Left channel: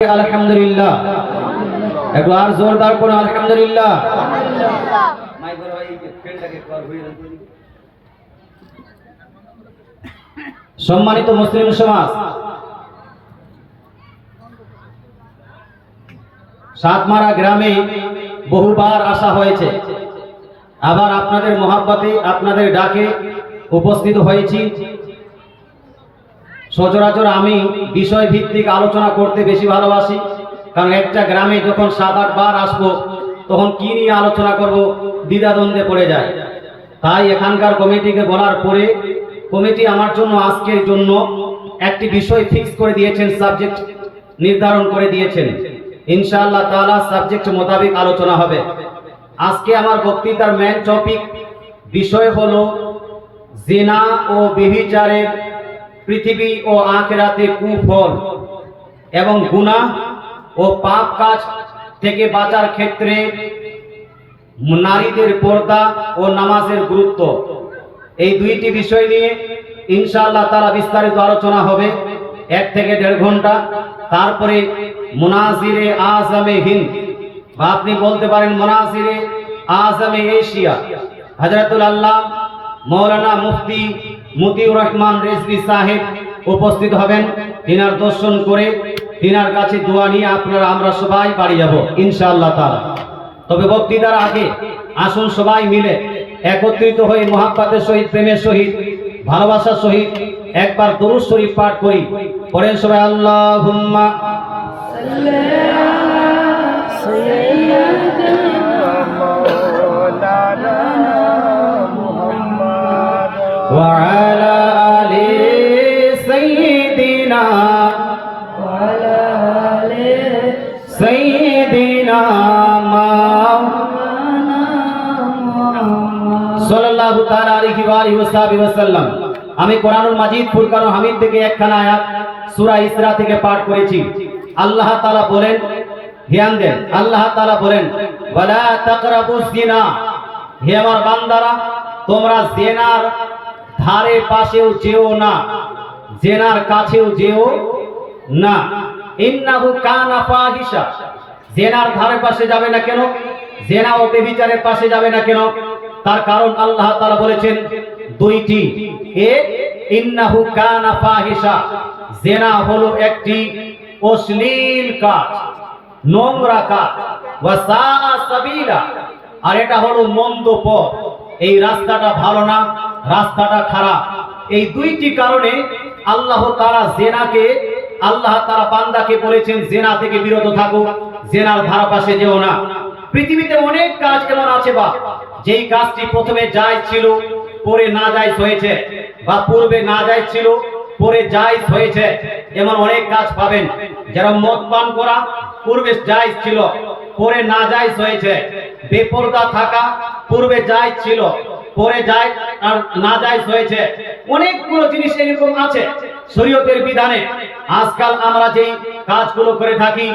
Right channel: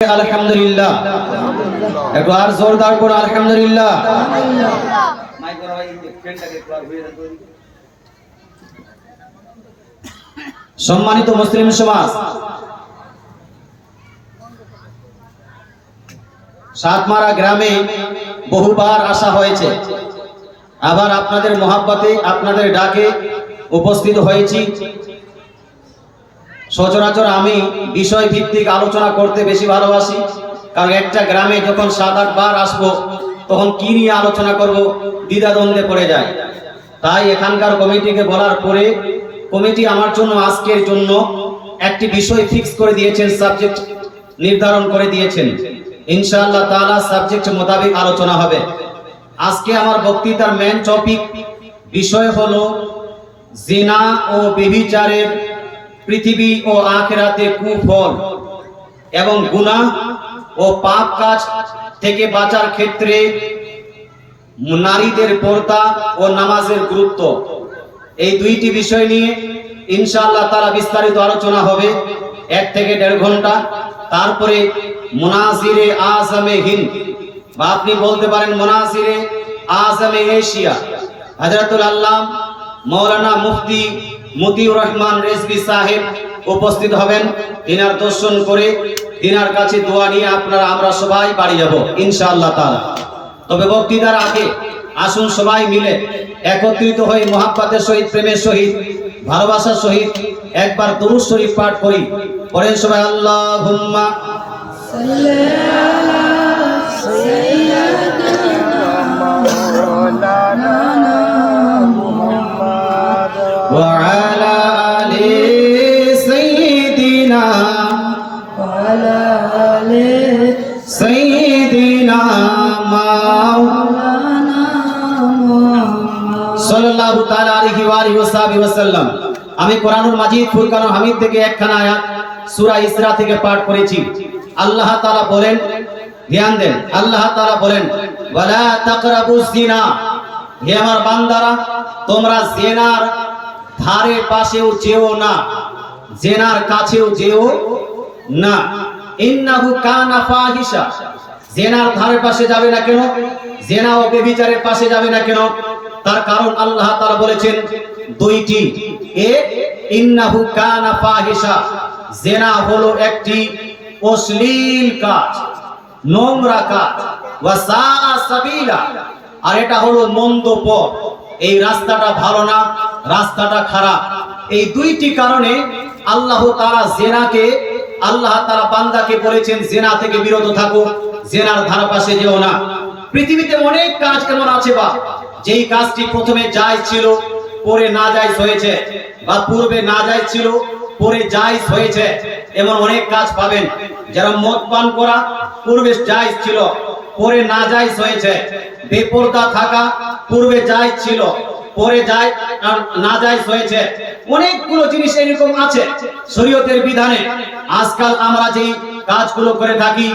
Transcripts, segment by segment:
আলহামদুলিল্লাহ একটু আর জোরদার করে আলহামদুলিল্লাহ। সম্মানিত মুসলিম সমাজ, সাতমারা গ্রামে বহুবার আসা হয়েছে, আবার আপনাদের মোহাব্বতে আপনাদের ডাকে উপস্থিত হয়েছি। সচরাচর আমি বিষয় ভিত্তিক আলোচনা করতে বেশি ভালোবাসি, কারণ একটা গ্রামে যখন 7-8 বার আসবো তখন কি নিয়ে আলোচনা করব দ্বিধাদ্বন্দ্বে পড়ে যায়। তাই এখানকার কমিটিকে বলার পরে কমিটি আমার জন্য আজকের জন্য একটি বিষয় ফিক্স করে দিয়েছেন, সাবজেক্ট নির্ধারণ করে দিয়েছেন। ইনশাআল্লাহ তাআলা সাবজেক্ট মোতাবেক আলোচনা হবে। আজকে আমার বক্তৃতার মেন টপিক বিষয় হলো জিনা ও ব্যভিচারের পৃথিবী ও আখিরাতে কুফল এবং গুনাহ ও পাপ কাজ থেকে বাঁচার ক্ষেত্রে নারীদের পর্দা ও নামাজের গুরুত্ব। এই দুইটি বিষয় নিয়ে ইনশাআল্লাহ তাআলা বিস্তারিত আলোচনা হবে 1 থেকে 1.5 ঘন্টা। তারপরে মুনাজিরে আজমে হিন্দ, বা আপনি বলতে পারেন মুনাজিরে আজমে এশিয়া, হযরতুল আল্লামা মাওলানা মুফতি মতিউর রহমান রিজভী সাহেব উপস্থিত হবেন। তিনার দর্শন করে তিনার কাছে দোয়া নিয়ে আমরা সবাই বাড়ি যাব ইনশাআল্লাহ তাআলা। তবে বক্তৃতার আগে আসুন সবাই মিলে একত্রিত হয়ে মুহাব্বতের সহিত, প্রেমের সহিত, ভালোবাসার সহিত একবার দরুদ শরীফ পাঠ করি। পড়েন সবাই আল্লাহুম্মা সাল্লি আলা সাইয়্যিদিনা মাওলানা মুহাম্মদ ওয়া আলা আলি সাইয়্যিদিনা ওয়া আলা আলি সাইয়্যিদিনা মাওলানা মুহাম্মদ সাল্লাল্লাহু তাআলা আলাইহি ওয়া আলিহি ওয়াসাল্লাম। আমি কোরআনুল মাজিদ ফুরকানুল হামিদ থেকে একখানা আয়াত সূরা ইসরা থেকে পাঠ করেছি। আল্লাহ তাআলা বলেন, ধ্যান দেন, আল্লাহ তাআলা বলেন ওয়ালা তাকরাবুজ জিনা, হে আমার বান্দারা তোমরা জিনার ধারে পাশেও যেও না, জিনার কাছেও যেও না। ইন্নাহু কানা ফাহিশা, জিনার ধারে পাশে যাবে না কেন? জিনা ও ব্যভিচারের পাশে যাবে না কেন? তার কারণ আল্লাহ তাআলা বলেছেন দুইটি। ইন্নাহু কানা ফাহিশা, জিনা হলো একটি অশ্লীল কাজ, নোংরা কাজ, ওয়াসা সাবিলা, আর এটা হলো মন্দ পথ, এই রাস্তাটা ভালো না, রাস্তাটা খারাপ। এই দুইটি কারণে আল্লাহ তাআলা জিনাকে, আল্লাহ তাআলা বান্দাকে বলেছেন জিনা থেকে বিরত থাকো, জিনার ধারাপাশে যেও না। পৃথিবীতে অনেক কাজ কেমন আছে বা যেই কাজটি প্রথমে জায়েজ ছিল পরে নাজায়েজ হয়েছে, বা পূর্বে নাজায়েজ ছিল পরে জায়েজ হয়েছে, এমন অনেক কাজ পাবেন। যারা মদ পান করা পূর্বে জায়েজ ছিল পরে নাজায়েজ হয়েছে, বেপরদা থাকা পূর্বে জায়েজ ছিল পরে জায়েজ আর নাজায়েজ হয়েছে। অনেকগুলো জিনিস এরকম আছে শরীয়তের বিধানে। আজকাল আমরা যেই কাজগুলো করে থাকি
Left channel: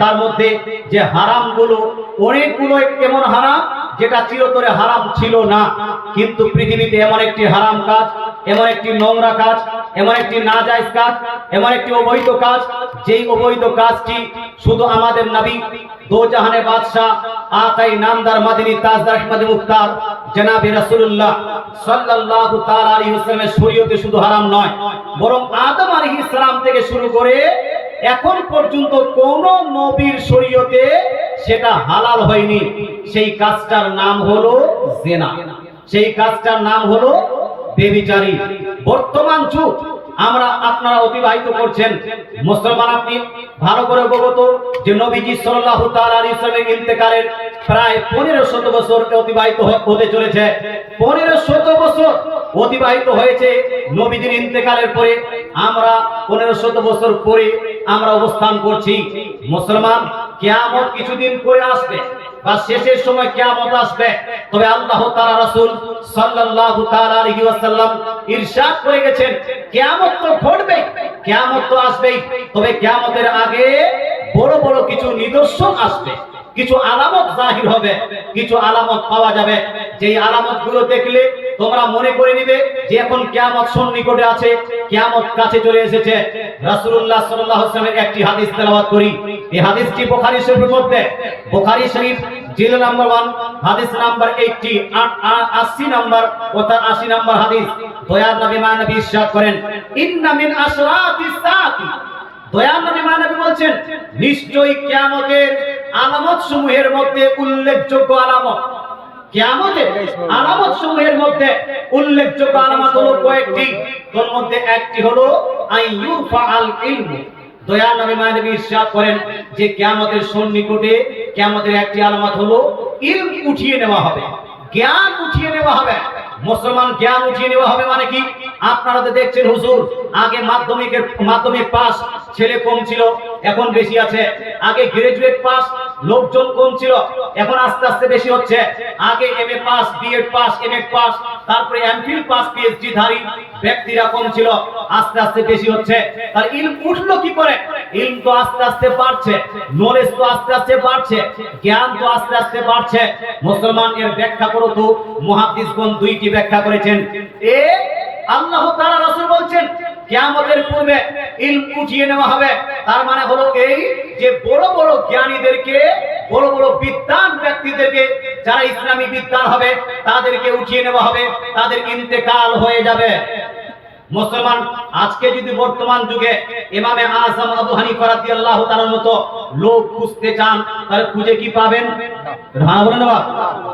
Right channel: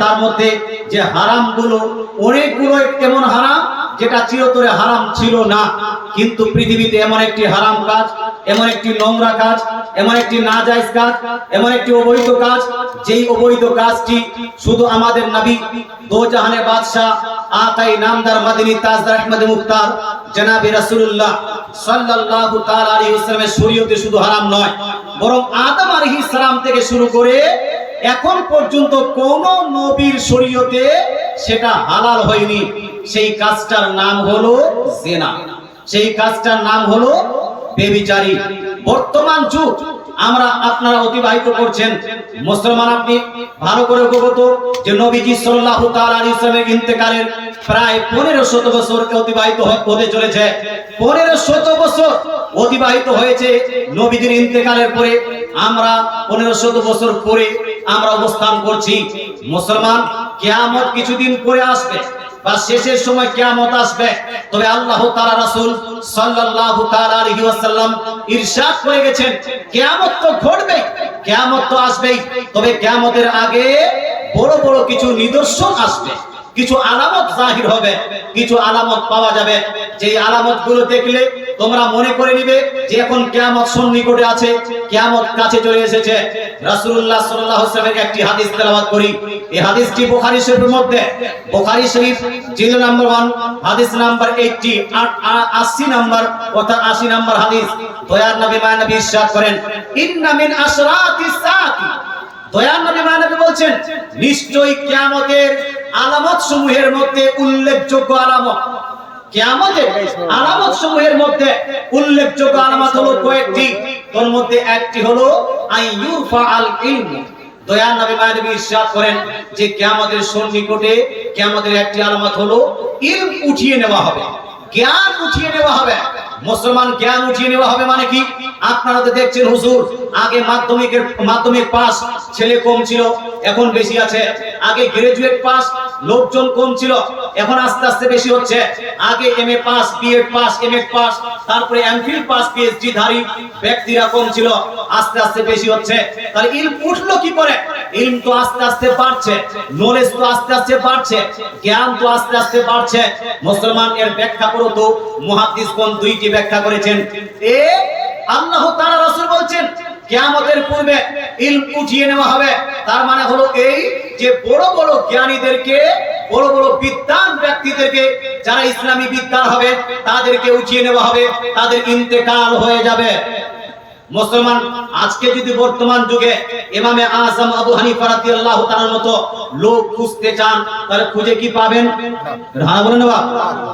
তার মধ্যে যে হারামগুলো, অনেকগুলো এমন হারাম যেটা চিরতরে হারাম ছিল না, কিন্তু পৃথিবীতে এমন একটি হারাম কাজ, এমন একটি নোংরা কাজ, এমন একটি নাজায়েজ কাজ, এমন একটি অবৈধ কাজ, যেই অবৈধ কাজটি শুধু আমাদের নবী দো জাহানের বাদশা আকাই নামদার মাদিনী তাজদার আহমদ মুখতার জনাবে রাসূলুল্লাহ সাল্লাল্লাহু তাআলা আলাইহি ওয়াসাল্লামের শরীয়তে শুধু হারাম নয়, বরং আদম আলাইহিস সালাম থেকে শুরু করে এখন পর্যন্ত কোন নবীর শরীয়তে সেটা হালাল হয়নি। সেই কাজটার নাম হলো জিনা, সেই কাজটার নাম হলো ব্যভিচারী। বর্তমান যুগ আমরা আপনারা অতিবাহিত করছেন, মুসলমান আপনি ভালো করে অবগত যে নবীজি সাল্লাল্লাহু তাআলা আলাইহি ওয়াসাল্লামের ইন্তেকালের প্রায় 1500 বছর অতিবাহিত হতে চলেছে। 1500 বছর অতিবাহিত হয়েছে নবীজির ইন্তেকালের পরে। আমরা 1500 বছর পরে আমরা অবস্থান করছি। মুসলমান, কিয়ামত কিছুদিন পরে আসবে বা শেষের সময় কিয়ামত আসবে, তবে আল্লাহ তাআলা রাসূল সাল্লাল্লাহু তাআলা আলাইহি ওয়াসাল্লাম ইরশাদ করে গেছেন কিয়ামত তো ঘটবে, কিয়ামত তো আসবেই, তবে কিয়ামতের আগে বড় বড় কিছু নিদর্শন আসবে, কিছু আলামত জাহির হবে, কিছু আলামত পাওয়া যাবে, যেই আলামতগুলো দেখলে তোমরা মনে করে নিবে যে এখন কিয়ামত সন্নিকটে আছে, কিয়ামত কাছে চলে এসেছে। রাসূলুল্লাহ সাল্লাল্লাহু আলাইহি ওয়াসাল্লামের একটি হাদিস তেলাওয়াত করি। এই হাদিসটি বুখারী শরীফের মধ্যে, বুখারী শরীফ জিলদ নাম্বার 1 হাদিস নাম্বার 80 নাম্বার অর্থাৎ 80 নাম্বার হাদিস। দয়ার নবী মানবী ইরশাদ করেন, ইন্না মিন আশরাতিস সাআতি, দয়ার নবী মানবী বলছেন নিশ্চয়ই কিয়ামতের আলামত সমূহের মধ্যে উল্লেখযোগ্য আলামত, কিয়ামতের আলামত সমূহের মধ্যে উল্লেখযোগ্য আলামত হলো কয়েকটি। তার মধ্যে একটি হলো আইয়ুরফাআল ইলম। দয়ার নবী মানবী ইরশাদ করেন যে কিয়ামতের সন্নিকটে কিয়ামতের একটি আলামত হলো ইলম উঠিয়ে নেওয়া হবে, জ্ঞান উঠিয়ে নেওয়া হবে। মুসলমান জ্ঞান উঠিয়ে নেওয়া হবে মানে কি? আপনারা তো দেখছেন হুজুর, আগে মাধ্যমিক পাস ছেলে কম ছিল, এখন বেশি আছে। আগে গ্রাজুয়েট পাস লোকজন কম ছিল, এখন আস্তে আস্তে বেশি হচ্ছে। আগে MA pass, BEd pass, MEd pass, তারপরে এমফিল পাস, পিএইচডি ধারী ব্যক্তিরা কম ছিল, আস্তে আস্তে বেশি হচ্ছে। তাহলে ইলম উঠলো কি করে? ইলম তো আস্তে আস্তে বাড়ছে, নলেজ তো আস্তে আস্তে বাড়ছে, জ্ঞান তো আস্তে আস্তে বাড়ছে। মুসলমান এর ব্যাখ্যা করো তো, মুহাদ্দিসগণ দুইটি ব্যাখ্যা করেছেন। আল্লাহ তাআলা রাসূল বলছেন কিয়ামতের পূর্বে ইলম উঠিয়ে নেওয়া হবে, তার মানে হলো এই যে বড় বড় জ্ঞানীদেরকে, বড় বড় বিদ্বান ব্যক্তিদেরকে, যারা ইসলামী বিদ্বান হবে তাদেরকে উঠিয়ে নেওয়া হবে, তাদের ইন্তেকাল হয়ে যাবে। মুসলমান আজকে যদি বর্তমান যুগে ইমামে আযম আবু হানিফা রাদিয়াল্লাহু তাআলার মতো লোক খুঁজতে চান, তাহলে খুঁজে কি পাবেন? হ্যাঁ বলেন না,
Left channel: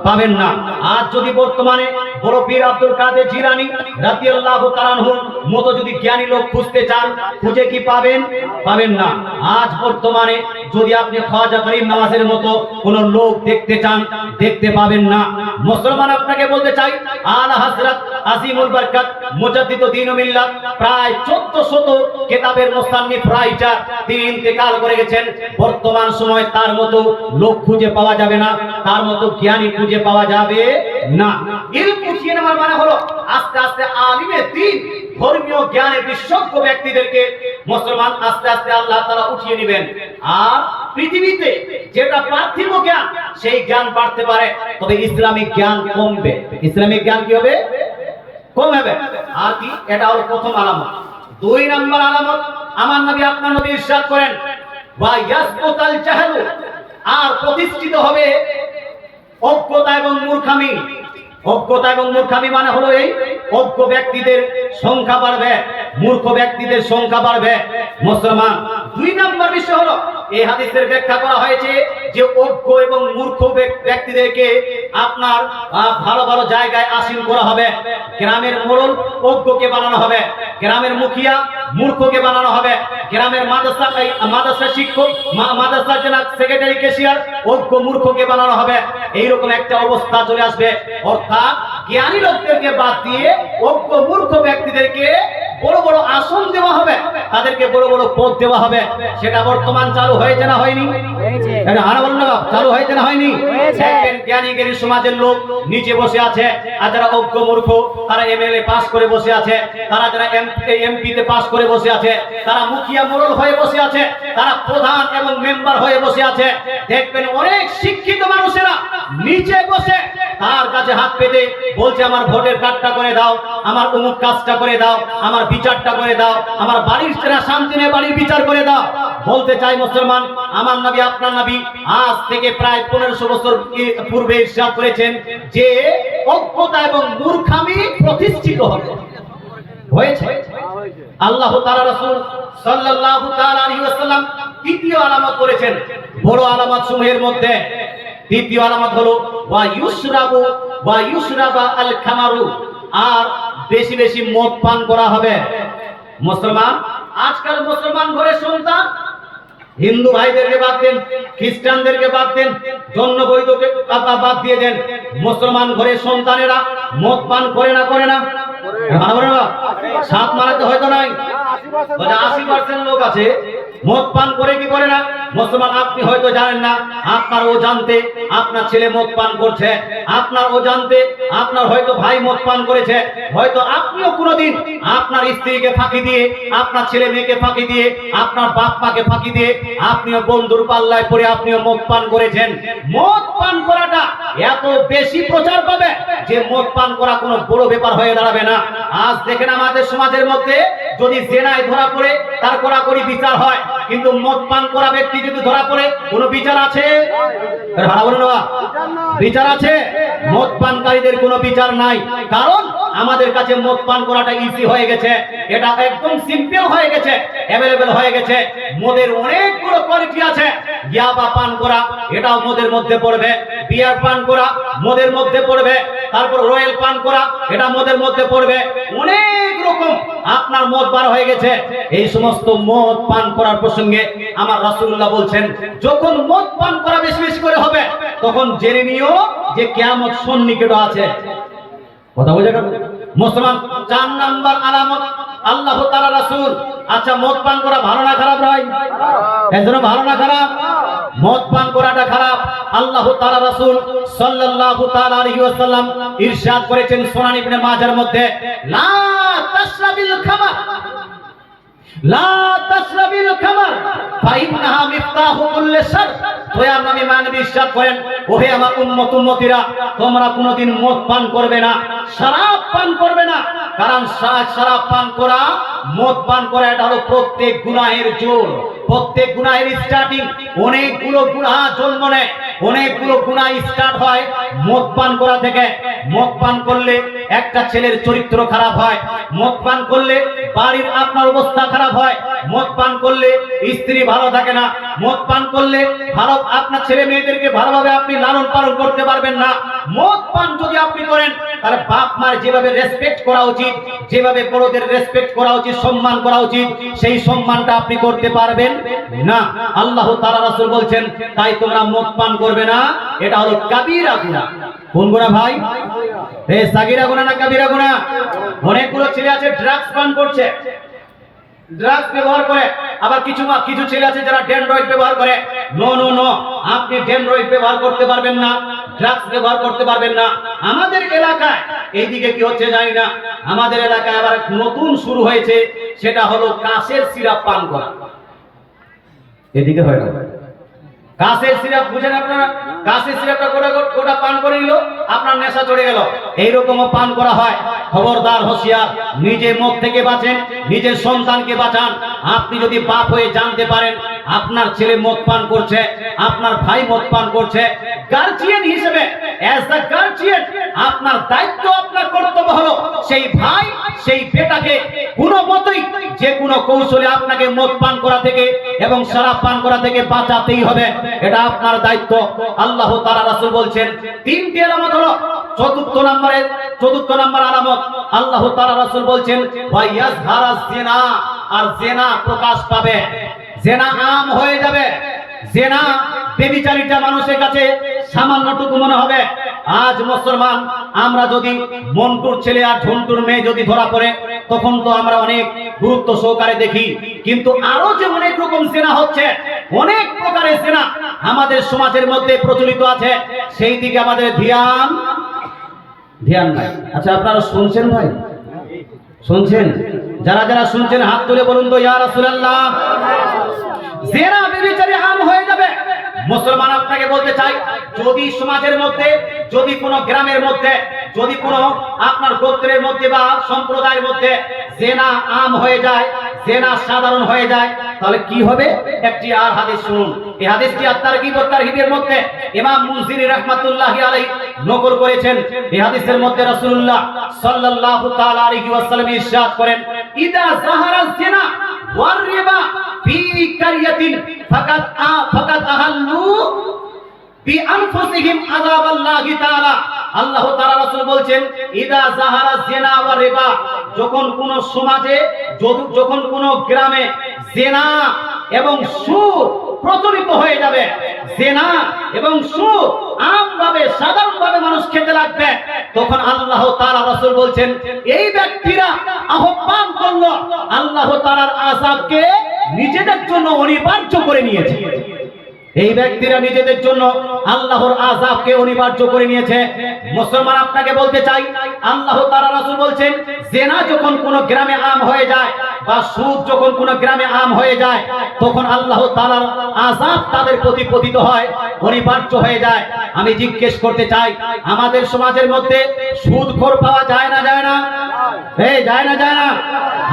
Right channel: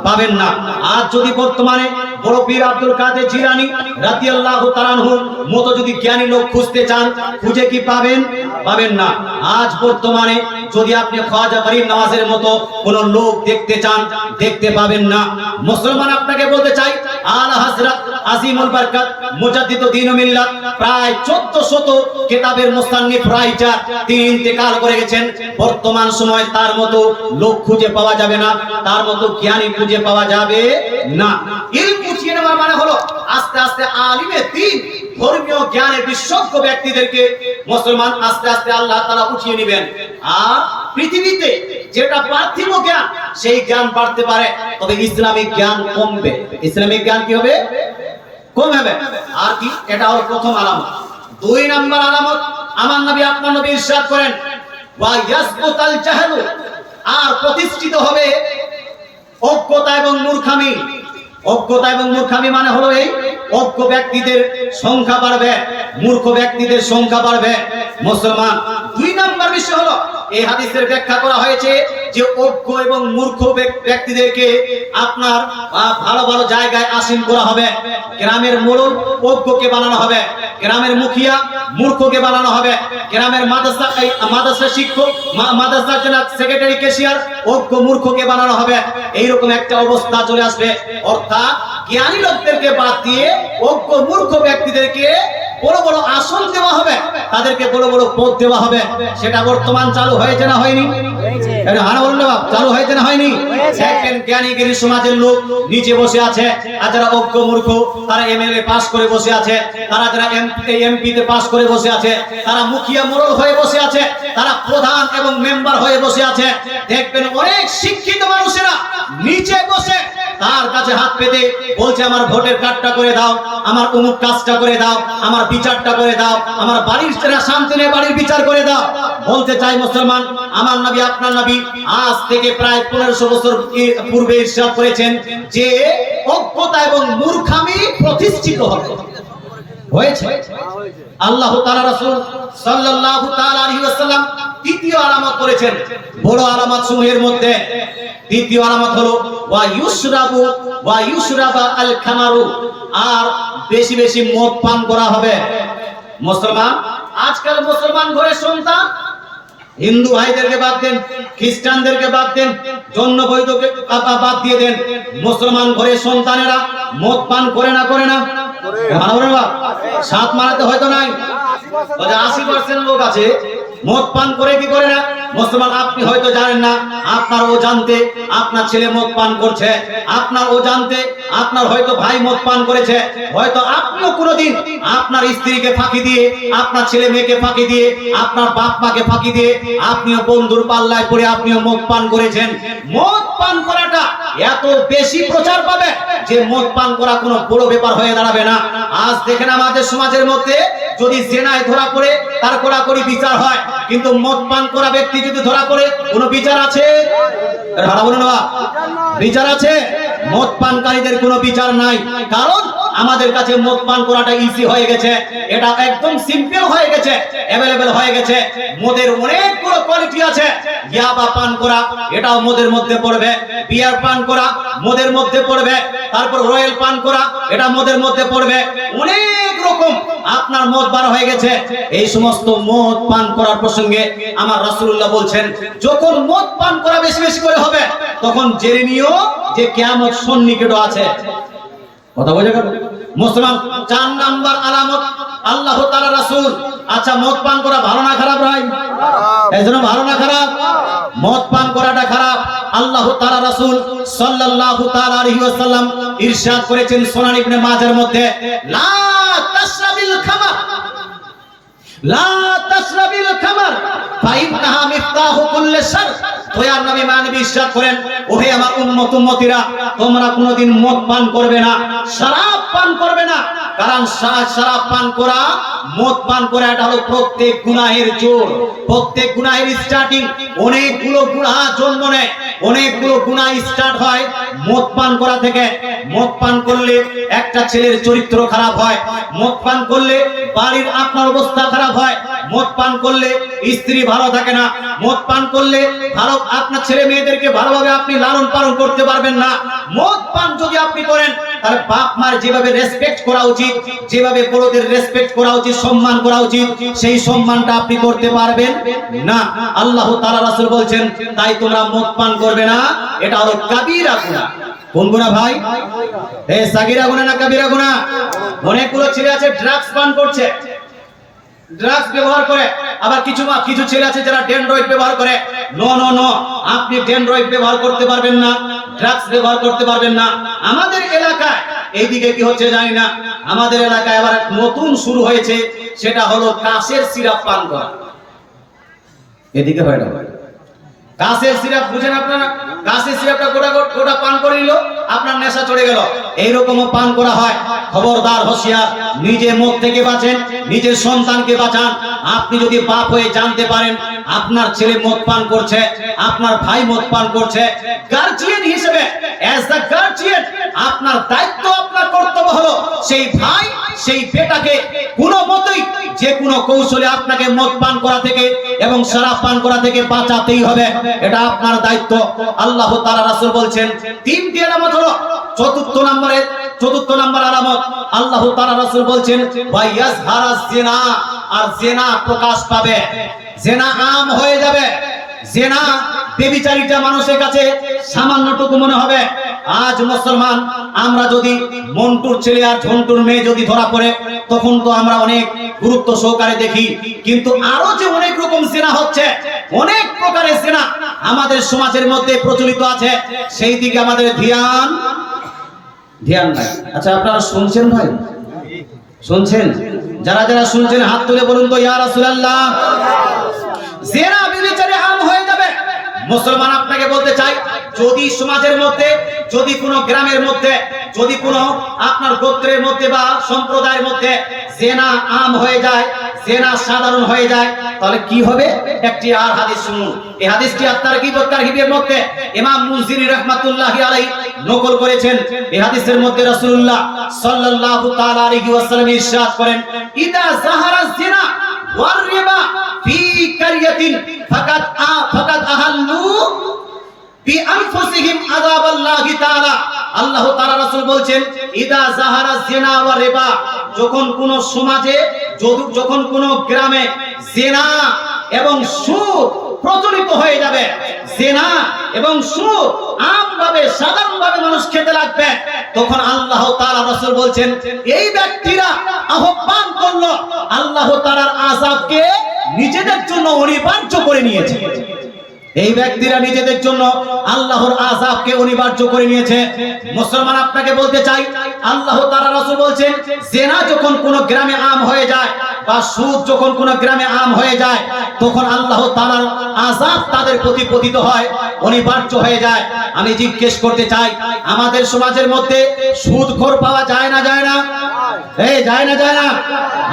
পাবেন না। আজ যদি বর্তমানে বড় পীর আব্দুল কাদের জিলানী রাদিয়াল্লাহু তাআলা আনহুর মতো যদি জ্ঞানী লোক খুঁজতে চান, খুঁজে কি পাবেন? পাবেন না। আজ বর্তমানে যদি আপনি খাজা ফরিদ নওয়াজের মতো কোন লোক দেখতে চান, দেখতে পাবেন না। মুসলমান আপনাকে বলতে চাই, আলা হযরত আজিমুল বরকত মুজাদ্দিদুদ দ্বীন ও মিল্লাত প্রায় 1400 কিতাবের মুসান্নিফ রাইটার, তিনি ইন্তেকাল করে গেছেন। বর্তমান সময় তার মতো লোক খুঁজে পাওয়া যাবে না, তার মতো জ্ঞানী খুঁজে পাওয়া যাবে না। ইলম উঠিয়ে নেওয়া মানে হলো আস্তে আস্তে আলিমে দ্বীন, ধর্মীয় জ্ঞানের বিশেষজ্ঞ ব্যক্তিদেরকে মুসলমান আস্তে আস্তে আল্লাহ তাআলা উঠিয়ে নেবেন। আর পৃথিবীতে যেটা পার্থিব জ্ঞান, সেই জ্ঞান বাড়তে পারে, তবে ইসলামিক জ্ঞান কমবে। ইসলামিক জ্ঞান কি হবে? কম হবে। আর কি? এটা হলো প্রথম আলামত। দুই নাম্বার আলামত, আমার নবী আপনার নবী ইরশাদ করেন, ওয়া ইয়াসকুতাল জাহলু, আর প্রতিষ্ঠিত হবে অজ্ঞতা এবং মূর্খামি। অজ্ঞতা এবং মূর্খামি মানে হলো এই অজ্ঞ ব্যক্তিদের সংখ্যা বাড়বে, মূর্খ ব্যক্তিদের সংখ্যা বাড়বে। মুসলমান দুই নাম্বার বিষয় হলো, এই হাদিসের ব্যাখ্যা করা হয়েছে যে অজ্ঞ এবং মূর্খ ব্যক্তিদেরকে আপনার ভালো ভালো জায়গায় আসীন করা হবে। গ্রামের মোড়ল অজ্ঞকে বানানো হবে, গ্রামের মুখিয়া মূর্খকে বানানো হবে, গ্রামের মাদ্রাসা শিক্ষক, মাদ্রাসা সেক্রেটারি, ক্যাশিয়ার অজ্ঞ মূর্খকে বানানো হবে। এইরকম একটা অবস্থা চলে আসবে। অর্থাৎ জ্ঞানী লোকদেরকে বাদ দিয়ে অজ্ঞ মূর্খ ব্যক্তিদেরকে বড় বড় আসন দেওয়া হবে, তাদেরকে বড় বড় পদ দেওয়া হবে। সেটা বর্তমান চালু হয়েছে না হয়নি? এটা আনা বলুন না, চালু হয়েছে না হয়নি? দেখবেন জ্ঞানী জ্ঞানী সমাজের লোক নিচে বসে আছে, আর যারা অজ্ঞ মূর্খ তারা এমএলএ পাস করে বসে আছে, তারা যারা এমপি তে পাস করে বসে আছে, তারা মুখিয়া মোড়ল হয়ে বসে আছে, তারা প্রধান এবং মেম্বার হয়ে বসে আছে। দেখবেন অনেক শিক্ষিত মানুষেরা নিচে বসে তার কাছে হাত পেতে বলছে, আমার ভোটের কার্ডটা করে দাও, আমার অমুক কাজটা করে দাও, আমার বিচারটা করে দাও, আমার বাড়ির শান্তি নেই, বাড়ির বিচার করে দাও। বলতে চাই মুসলমান, আমার নবী আপনার নবী আজ থেকে প্রায় 1500 বছর পূর্বে ইরশাদ করেছেন যে অজ্ঞতা এবং মূর্খামি প্রতিষ্ঠিত হবে, হয়েছে। আল্লাহ তাআলা রাসূল সাল্লাল্লাহু তাআলা আলাইহি ওয়াসাল্লাম তৃতীয় আলামত করেছেন। বড় আলামত সমূহের মধ্যে দ্বিতীয় আলামত হলো ওয়া ইউশরাবা আল খামারু, আর বেশি বেশি মদ পান করা হবে। মুসলমান আজকাল মুসলমান ঘরে সন্তান, হিন্দু ভাইদেরকে বাদ দেন, খ্রিস্টানদেরকে বাদ দেন, জন্য বৈধকে বাদ দিয়ে দেন, মুসলমান ঘরে সন্তানেরা মদ পান করে না? করে না? সাত মারাতে হয়তো নাই, 80% লোক আছে মদ পান করে কি করে না? মুসলমান আপনি হয়তো জানেন না, আপনার অজান্তে আপনার ছেলে মদ পান করছে, আপনার অজান্তে আপনার হয়তো ভাই মদ পান করেছে, হয়তো আপনিও কোনোদিন আপনার স্ত্রীকে ফাঁকি দিয়ে, আপনার ছেলে মেয়েকে ফাঁকি দিয়ে, আপনার বাপ মাকে ফাঁকি দিয়ে আপনিও বন্ধুর পাল্লায় পড়ে আপনিও মদ পান করেছেন। মদ পান করাটা এত বেশি প্রচার পাবে যে মদ পান করা কোনো বড় ব্যাপার হয়ে দাঁড়াবে না। আজ দেখেন আমাদের সমাজের মধ্যে যদি জেনায় ধরা পড়ে তার কড়াকড়ি বিচার হয়, কিন্তু মদ পান করা ব্যক্তি যদি ধরা পড়ে কোনো বিচার আছে? বিচার আছে? মদ পানকারীদের কোনো বিচার নাই। কারণ আমাদের কাছে মদ পান করাটা ইজি হয়ে গেছে, এটা একদম সিম্পল হয়ে গেছে, অ্যাভেলেবল হয়ে গেছে। মদের অনেকগুলো কোয়ালিটি আছে। ইয়াবা পান করা এটাও মদের মধ্যে পড়বে, বিয়ার পান করা মদের মধ্যে পড়বে, তারপর রয়্যাল পান করা এটা মদের মধ্যে পড়বে, অনেক রকম আপনার মদ বার হয়ে গেছে। এই সমস্ত মদ পান করার প্রসঙ্গে আমার রাসূলুল্লাহ বলছেন, যখন মদ পান করা বেশি বেশি করে হবে তখন জেনে নিও যে কিয়ামত সন্নিকট আছে। কথা বুঝে গেল? মুসলমান 4 নাম্বার আলামত আল্লাহ তাআলা রাসূল। আচ্ছা, মদ পান করা ভালো না খারাপ ভাই? এজন্য ভালো না খারাপ? মদ পান করাটা খারাপ। আল্লাহ তাআলা রাসূল সাল্লাল্লাহু তাআলা আলাইহি ওয়াসাল্লাম ইরশাদ করেছেন সুনান ইবনে মাজার মধ্যে, লা তাশরাবিল খামার, লা তাশরাবিল খামার ফাইন্নাহা মিফতাহু কুল্লি শার। দয়ার নবী মানবী ইরশাদ করেন, ওহে আমার উম্মত উম্মতিরা, তোমরা কোনোদিন মদ পান করবে না, শরাব পান করবে না। কারণ শরাব পান করা, মদ পান করা এটা হলো প্রত্যেক গুনাহের জোর, প্রত্যেক গুনাহের স্টার্টিং। অনেকগুলো গুনাহ জন্ম নেয়, অনেকগুলো গুনাহ স্টার্ট হয় মদ পান করা থেকে। মদ পান করলে একটা ছেলের চরিত্র খারাপ হয়, মদ পান করলে বাড়ির আপনার অবস্থা খারাপ হয়, মদ পান করলে স্ত্রী ভালো থাকে না, মদ পান করলে ভালো আপনার ছেলে মেয়েদেরকে ভালোভাবে আপনি লালন পালন করতে পারবেন না। মদ পান যদি আপনি করেন তাহলে বাপ মার যেভাবে রেসপেক্ট করা উচিত, যেভাবে বড়দের রেসপেক্ট করা উচিত, সম্মান করা উচিত, সেই সম্মানটা আপনি করতে পারবেন না। আল্লাহ তাআলা রাসূল বলছেন, তাই তোমরা মদ পান করবে না, এটা হলো কাবীরা গুনাহ। কোন গুনাহ ভাই? এই সাগীরা গুনাহ না কাবীরা গুনাহ? অনেকগুলো ছেলে আছে ড্রাগস পান করছে, ড্রাগস ব্যবহার করে, আবার কিছু ছেলে আছে যারা ডেনড্রয়েড ব্যবহার করে। নো নো নো, আপনি ডেনড্রয়েড ব্যবহার করতে পারবেন না, ড্রাগস ব্যবহার করতে পারবেন না। আমাদের এলাকায় এইদিকে কি হচ্ছে জানি না, আমাদের এলাকায় আবার নতুন শুরু হয়েছে, সেটা হলো কাশের সিরাপ পান করা। এদিকে হয় না, কাশের সিরাপ বুঝেন আপনারা? কাশের সিরাপটা গোটা পান করে নিল, আপনার নেশা চড়ে গেল, এইরকমও পান করা হয়। খবরদার, হোশিয়ার, নিজে মদ থেকে বাঁচেন, নিজের সন্তানকে বাঁচান। আপনি যদি বাপ হয়ে জানতে পারেন আপনার ছেলে মদ পান করছে, আপনার ভাই মদ পান করছে, গার্জিয়ান হিসেবে অ্যাজ দ্য গার্জিয়ান আপনার দায়িত্ব, আপনার কর্তব্য হলো সেই ভাই, সেই বেটাকে কোনো মতেই যে কোনো কৌশলে আপনাকে মদ পান করা থেকে এবং শরাব পান করা থেকে বাঁচাতেই হবে, এটা আপনার দায়িত্ব। আল্লাহ তাআলা রাসূল বলছেন, 3টি আলামত হলো। চতুর্থ নম্বর আলামত আল্লাহ তাআলা রাসূল বলছেন, ওয়াইয়াজহারাজ জিনা, আর জিনা প্রকাশ পাবে, জিনা আম হয়ে যাবে। জিনা বেবিচারিতা মানুষের কাছে সামান্যটুকু মনে হবে। আজ মুসলমান আমরা যদি মন্টুর ছেলে আর ঝন্টুর মেয়ে যদি ধরা পড়ে, তখন তো আমরা অনেক গুরুত্ব সহকারে দেখি, কিন্তু আরো যে অনেক রকম জিনা হচ্ছে, অনেক প্রকারের জিনা আমাদের সমাজের মধ্যে প্রচলিত আছে, সেই দিকে আমাদের ধ্যান নাই। আচ্ছা, আপনারা শুনছেন ভাই? শুনছেন? যারা যারা শুনছেন হাত তুলে বলুন তো, ইয়া রাসূলুল্লাহ। জিনা বেবিচারি আম হয়ে যাবে। মুসলমান আপনাকে বলতে চাই, যদি সমাজের মধ্যে, যদি কোনো গ্রামের মধ্যে, যদি কোনো আপনার গোত্রের মধ্যে বা সম্প্রদায়ের মধ্যে জিনা আম হয়ে যায়, জিনা সাধারণ হয়ে যায়, তাহলে কি হবে? একটি আর হাদিস শুনুন। এই হাদিসটি at-তারগীব ওয়া তারহিবের মধ্যে ইমাম মুনজিরি রাহমাতুল্লাহি আলাইহি নকল করেছেন। এই হাদিসের মধ্যে রাসূলুল্লাহ সাল্লাল্লাহু তাআলা আলাইহি ওয়াসাল্লাম ইরশাদ করেন, ইদা যাহারা জিনা ওয়ার রিবা ফি কারিয়াতিন ফাকাত আহাল্লু বিআনফুসিহিম আযাবাল্লাহি তাআলা। আল্লাহ তাআলা রাসূল বলছেন, ইদা যাহারা জিনা ওয়া রিবা, যখন কোন সমাজে, যখন কোন গ্রামে জিনা এবং সুদ প্রচলিত হয়ে যাবে, জিনা এবং সুদ আমভাবে সাধারণভাবে মানুষ খেতে লাগবে, তখন আল্লাহ তাআলা রাসূল বলছেন, এই ব্যক্তিরা আহ্বান করলো আল্লাহ তাআলার আযাবকে নিজেদের জন্য অনিবার্য করে নিয়েছে। এই ব্যক্তিরা নিজেদের জন্য আল্লাহর আযাবকে অনিবার্য করে নিয়েছে। মুসলমান আপনাকে বলতে চাই, আল্লাহ তাআলা রাসূল বলছেন, জিনা যখন কোন গ্রামে আম হয়ে যায় বা সুদ যখন কোন গ্রামে আম হয়ে যায়, তখন আল্লাহ তাআলার আযাব তাদের প্রতি পতিত হয়, অনিবার্য হয়ে যায়। আমি জিজ্ঞেস করতে চাই, আমাদের সমাজের মধ্যে সুদখোর পাওয়া যায় না যায় না? যায় না যায় না?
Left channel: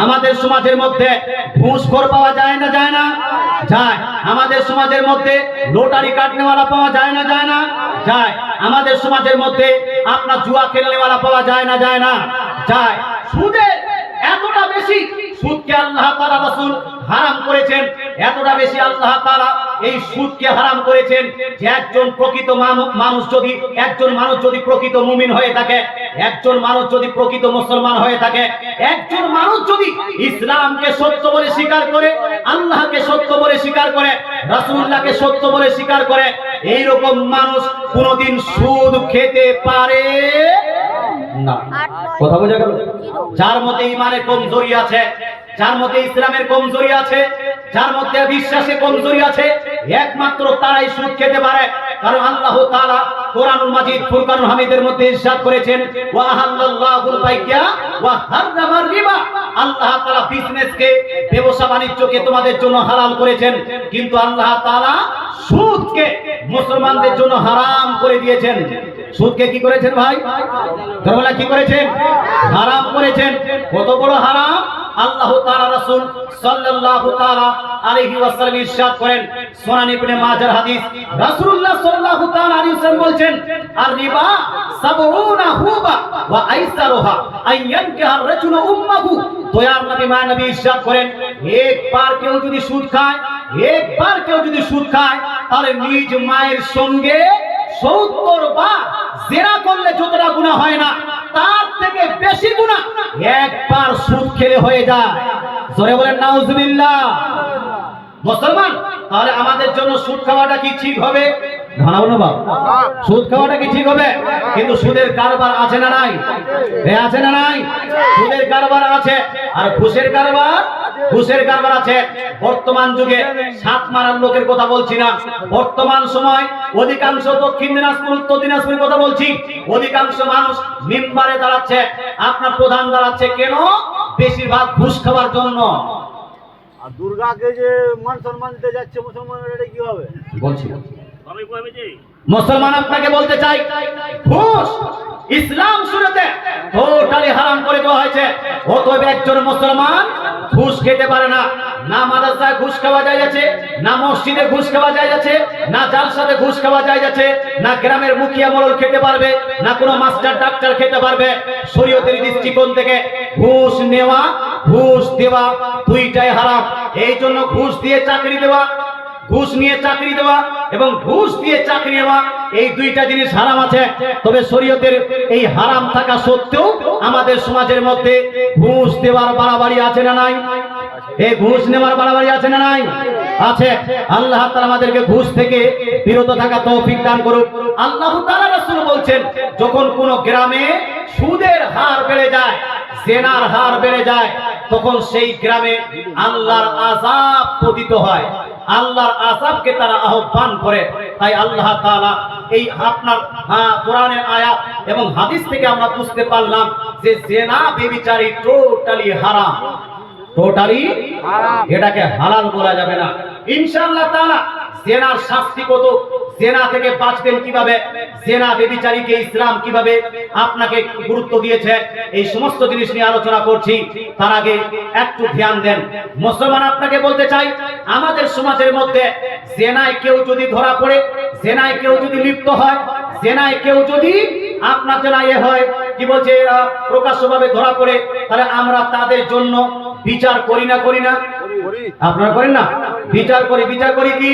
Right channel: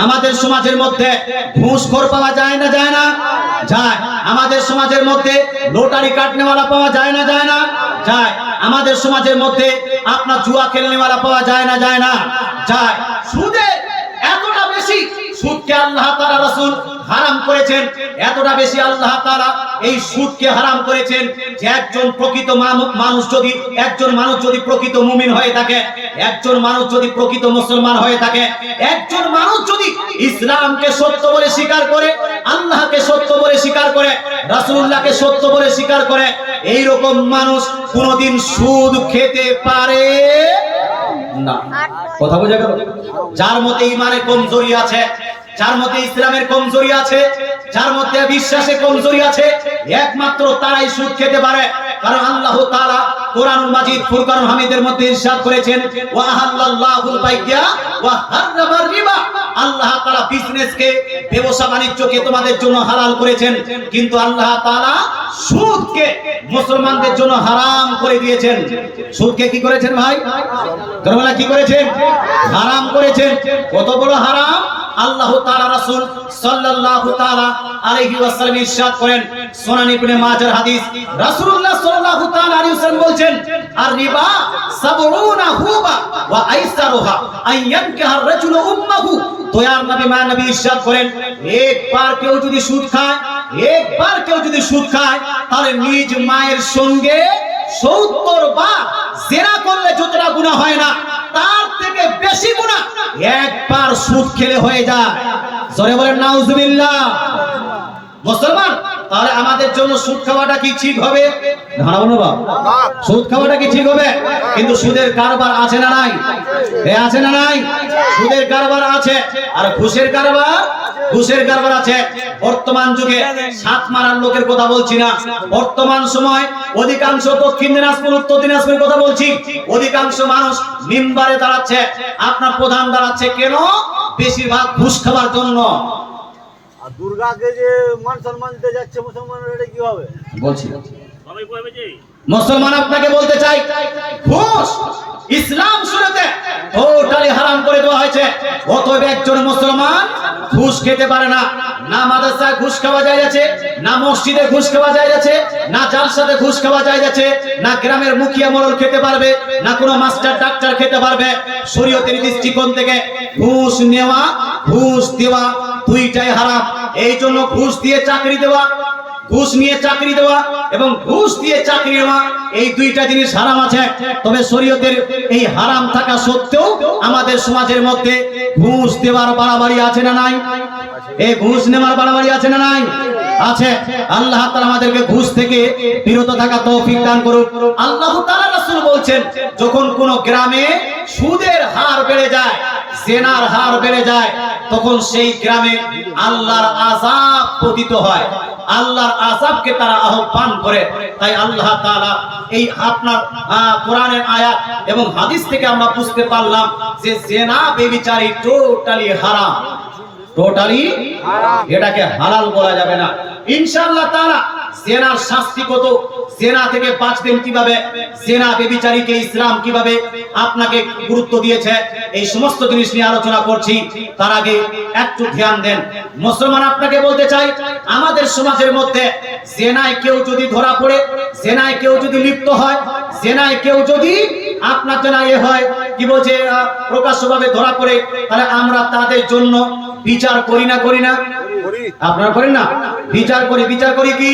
আমাদের সমাজের মধ্যে ঘুষখোর পাওয়া যায় না যায় না? যায়। আমাদের সমাজের মধ্যে লটারি কাটনেওয়ালা পাওয়া যায় না যায় না? যায়। আমাদের সমাজের মধ্যে আপনার জুয়া খেলনেওয়ালা পাওয়া যায় না যায় না? যায়। সুদের এতটা বেশি, সুদকে আল্লাহ তাআলা রাসূল হারাম করেছেন, এতটা বেশি আল্লাহ তাআলা এই সুদকে হারাম করেছেন যে একজন প্রকৃত মানুষ যদি প্রকৃত মুমিন হয়ে থাকে, একজন মানুষ যদি প্রকৃত মুসলমান হয়ে থাকে, একজন মানুষ যদি ইসলামকে সত্য বলে স্বীকার করে, আল্লাহকে সত্য বলে স্বীকার করে, রাসূলুল্লাহকে সত্য বলে স্বীকার করে, এই রকম মানুষ কোনোদিন সুদ খেতে পারে না। কথা বোঝা গেল? যার মধ্যে ঈমানের কমজোরি আছে, যার মধ্যে ইসলামের কমজোরি আছে, যার মধ্যে বিশ্বাসে কমজোরি আছে, একমাত্র তারাই সুদ খেতে পারে। কারণ আল্লাহ তাআলা কোরআনুল মাজিদ ফুরকানুল হামিদের মধ্যে ইরশাদ করেছেন, ওয়া হাল্লাল্লাহুল বাইয়া ওয়া হারামার রিবা। আল্লাহ তাআলা বিজনেসকে, ব্যবসা বাণিজ্যকে তোমাদের জন্য হালাল করেছেন, কিন্তু আল্লাহ তাআলা সুদকে মুসলমানদের জন্য হারাম করে দিয়েছেন। সুদকে কি করেছেন ভাই? তোমরা কি করেছেন? হারাম করেছেন। কত বড় হারাম! আল্লাহ তাআলা রাসূল সাল্লাল্লাহু তাআলা আলাইহি ওয়াসাল্লাম ইরশাদ করেন, সুনান ইবনে মাজার হাদিস, রাসূলুল্লাহ সাল্লাল্লাহু তাআলা আলাইহি ওয়াসাল্লাম বলেন, আর রিবা সাবউনা হুবা ওয়া আইসারুহা আন ইয়ানকিহা আর-রাজুলু উম্মাহু। দয়ার নবী নবী ইরশাদ করেন, একবার কেউ যদি সুদ খায়, একবার কেউ যদি সুদ খায়, তাহলে নিজ মায়ের সঙ্গে 70 বার জিনা করলে যতটা গুনাহ হয় না, তার থেকে বেশি গুনাহ একবার সুদ খেলে হয়ে যায়। জোরে বলেন নাউজুবিল্লাহ। মুসলমান, তাহলে আমাদের জন্য সুদ খাওয়াটা কি ঠিক হবে? সুদ খাওয়াটা কি ঠিক হবে? কিন্তু সুদের কারবার আছে না নাই? আছে না নাই? সুদের কারবার আছে। আর ঘুষের কারবার আছে। বর্তমান যুগে সাত মারার লোকের কথা বলছি না, বর্তমান সময় অধিকাংশ দক্ষিণ দিনাজপুর, উত্তর দিনাজপুরের কথা বলছি, অধিকাংশ মানুষ মিম্বারে দাঁড়াচ্ছে, আপনার প্রধান দাঁড়াচ্ছে কেন? বেশিরভাগ ঘুষ খাওয়ার জন্য। আর দুর্গাকে যে মান সম্মান দিতে যাচ্ছে মুসলমানরা, এটা কি হবে? বলছি মুসলমান আপনাকে বলতে চাই, ঘুষ ইসলাম শুরুতে টোটালি হারাম করে দেওয়া হয়েছে। অতএব একজন মুসলমান ঘুষ খেতে পারে না। না মাদ্রাসায় ঘুষ খাওয়া যায় যাচ্ছে, না মসজিদে ঘুষ খাওয়া যায় যাচ্ছে, না জালসাতে ঘুষ খাওয়া যায় যাচ্ছে, না গ্রামের মুখিয়া মোড়ল খেতে পারবে, না কোনো মাস্টার ডাক্তার খেতে পারবে। শরীয়তের দৃষ্টিকোণ থেকে ঘুষ নেওয়া, ঘুষ দেওয়া দুইটাই হারাম। এই জন্য ঘুষ দিয়ে চাকরি দেওয়া, ঘুষ নিয়ে চাকরি দেওয়া এবং ঘুষ দিয়ে চাকরি নেওয়া, এই দুইটা জিনিস হারাম আছে। তবে শরীয়তের এই হারাম থাকা সত্ত্বেও আমাদের সমাজের মধ্যে ঘুষ দেওয়ার বাড়াবাড়ি আছে না নাই? এই ঘুষ নেওয়ার বাড়াবাড়ি আছে না নাই? আছে। আল্লাহ তাআলা আমাদেরকে ঘুষ থেকে বিরত থাকা তৌফিক দান করুন। আল্লাহ তাআলা রাসূল বলছেন, যখন কোন গ্রামে সুদের হার বেড়ে যায়, জিনার হার বেড়ে যায়, তখন সেই গ্রামে আল্লাহর আযাব পতিত হয়, আল্লাহর আযাবকে তারা আহ্বান করে। তাই আল্লাহ তাআলা এই আপনার কোরআনের আয়াত এবং হাদিস থেকে আমরা বুঝতে পারলাম যে জিনা ব্যভিচারী টোটালি হারাম, টোটালি হারাম। এটাকে হালাল বলা যাবে না। ইনশাআল্লাহ তাআলা জিনার শাস্তি কত, জিনা থেকে বাঁচবেন কিভাবে, জিনা ব্যভিচারীকে ইসলাম কিভাবে আপনাকে গুরুত্ব দিয়েছে, এই সমস্ত জিনিস নিয়ে আলোচনা করছি। তার আগে একটু ধ্যান দেন। মুসলমান আপনাকে বলতে চাই, আমাদের সমাজের মধ্যে জিনায় কেউ যদি ধরা পড়ে, জিনায় কেউ যদি লিপ্ত হয়, জিনায় কেউ যদি আপনার জন্য হয়, কি বলছে, প্রকাশ্যভাবে ধরা পড়ে, তাহলে আমরা তাদের জন্য বিচার করি না? আপনারা করেন না? বিচার করি কি?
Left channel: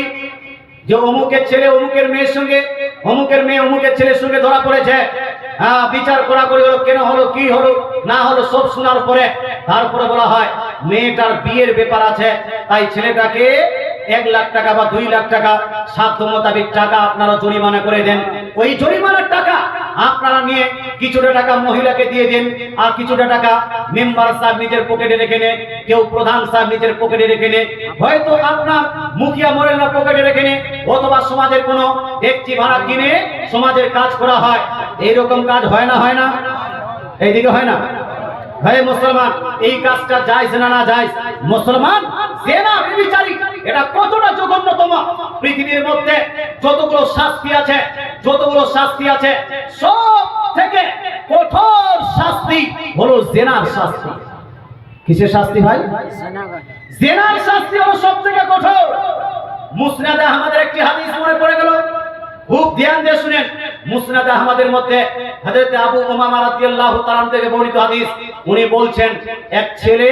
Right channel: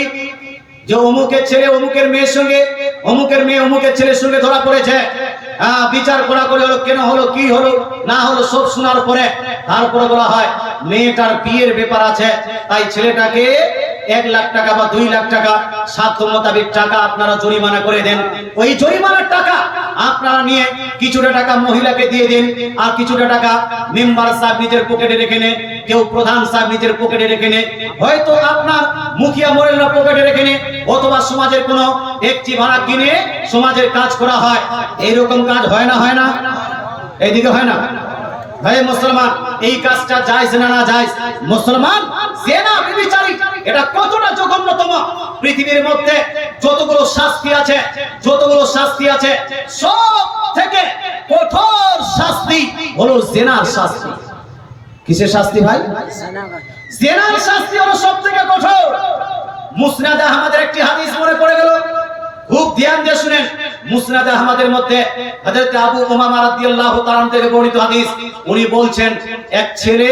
যে অমুকের ছেলে অমুকের মেয়ের সঙ্গে, অমুকের মেয়ে অমুকের ছেলের সঙ্গে ধরা পড়েছে, বিচার করা করে হলো, কেন হলো, কি হলো না হলো, সব শোনার পরে তারপরে বলা হয় মেয়েটার বিয়ের ব্যাপার আছে, তাই ছেলেটাকে 1 লাখ টাকা বা 2 লাখ টাকা সাধ্য মোতাবেক টাকা আপনারা জরিমানা করে দেন। ওই জরিমানার টাকা আপনারা নিয়ে কিছুটা টাকা মহিলাকে দিয়ে দেন, আর কিছুটা টাকা মেম্বার সাহেব নিজের পকেটে রেখে নেন, কেউ প্রধান সাহেব নিজের পকেটে রেখে নেন, হয়তো আপনার মুখিয়া মোরেলরা পকেটে রেখে নেন, অথবা সমাজের কোনো একটি ভাড়া কিনে সমাজের কাজ করা হয়। এইরকম কাজ হয় না? হয় না? এইদিকে হয় না? ভাই মুসলমান, এই কাজটা জায়েজ না না জায়েজ? মুসলমান, জেনা ব্যভিচারী এটা কতটা জঘন্যতম! পৃথিবীর মধ্যে যতগুলো শাস্তি আছে সব থেকে কঠোর শাস্তি হলো জেনার শাস্তি। কিসের শাস্তি ভাই? জেনার শাস্তি হলো সবথেকে কঠোর। মুসনাদে আহমদের একটি হাদিস মনে পড়ে গেল, খুব ধ্যান দিয়ে শুনেন। মুসনাদে আহমদের মধ্যে হযরত আবু উমামা রাদিয়াল্লাহু তাআলা থেকে বর্ণিত হাদিস। উনি বলছেন, এক ছেলে,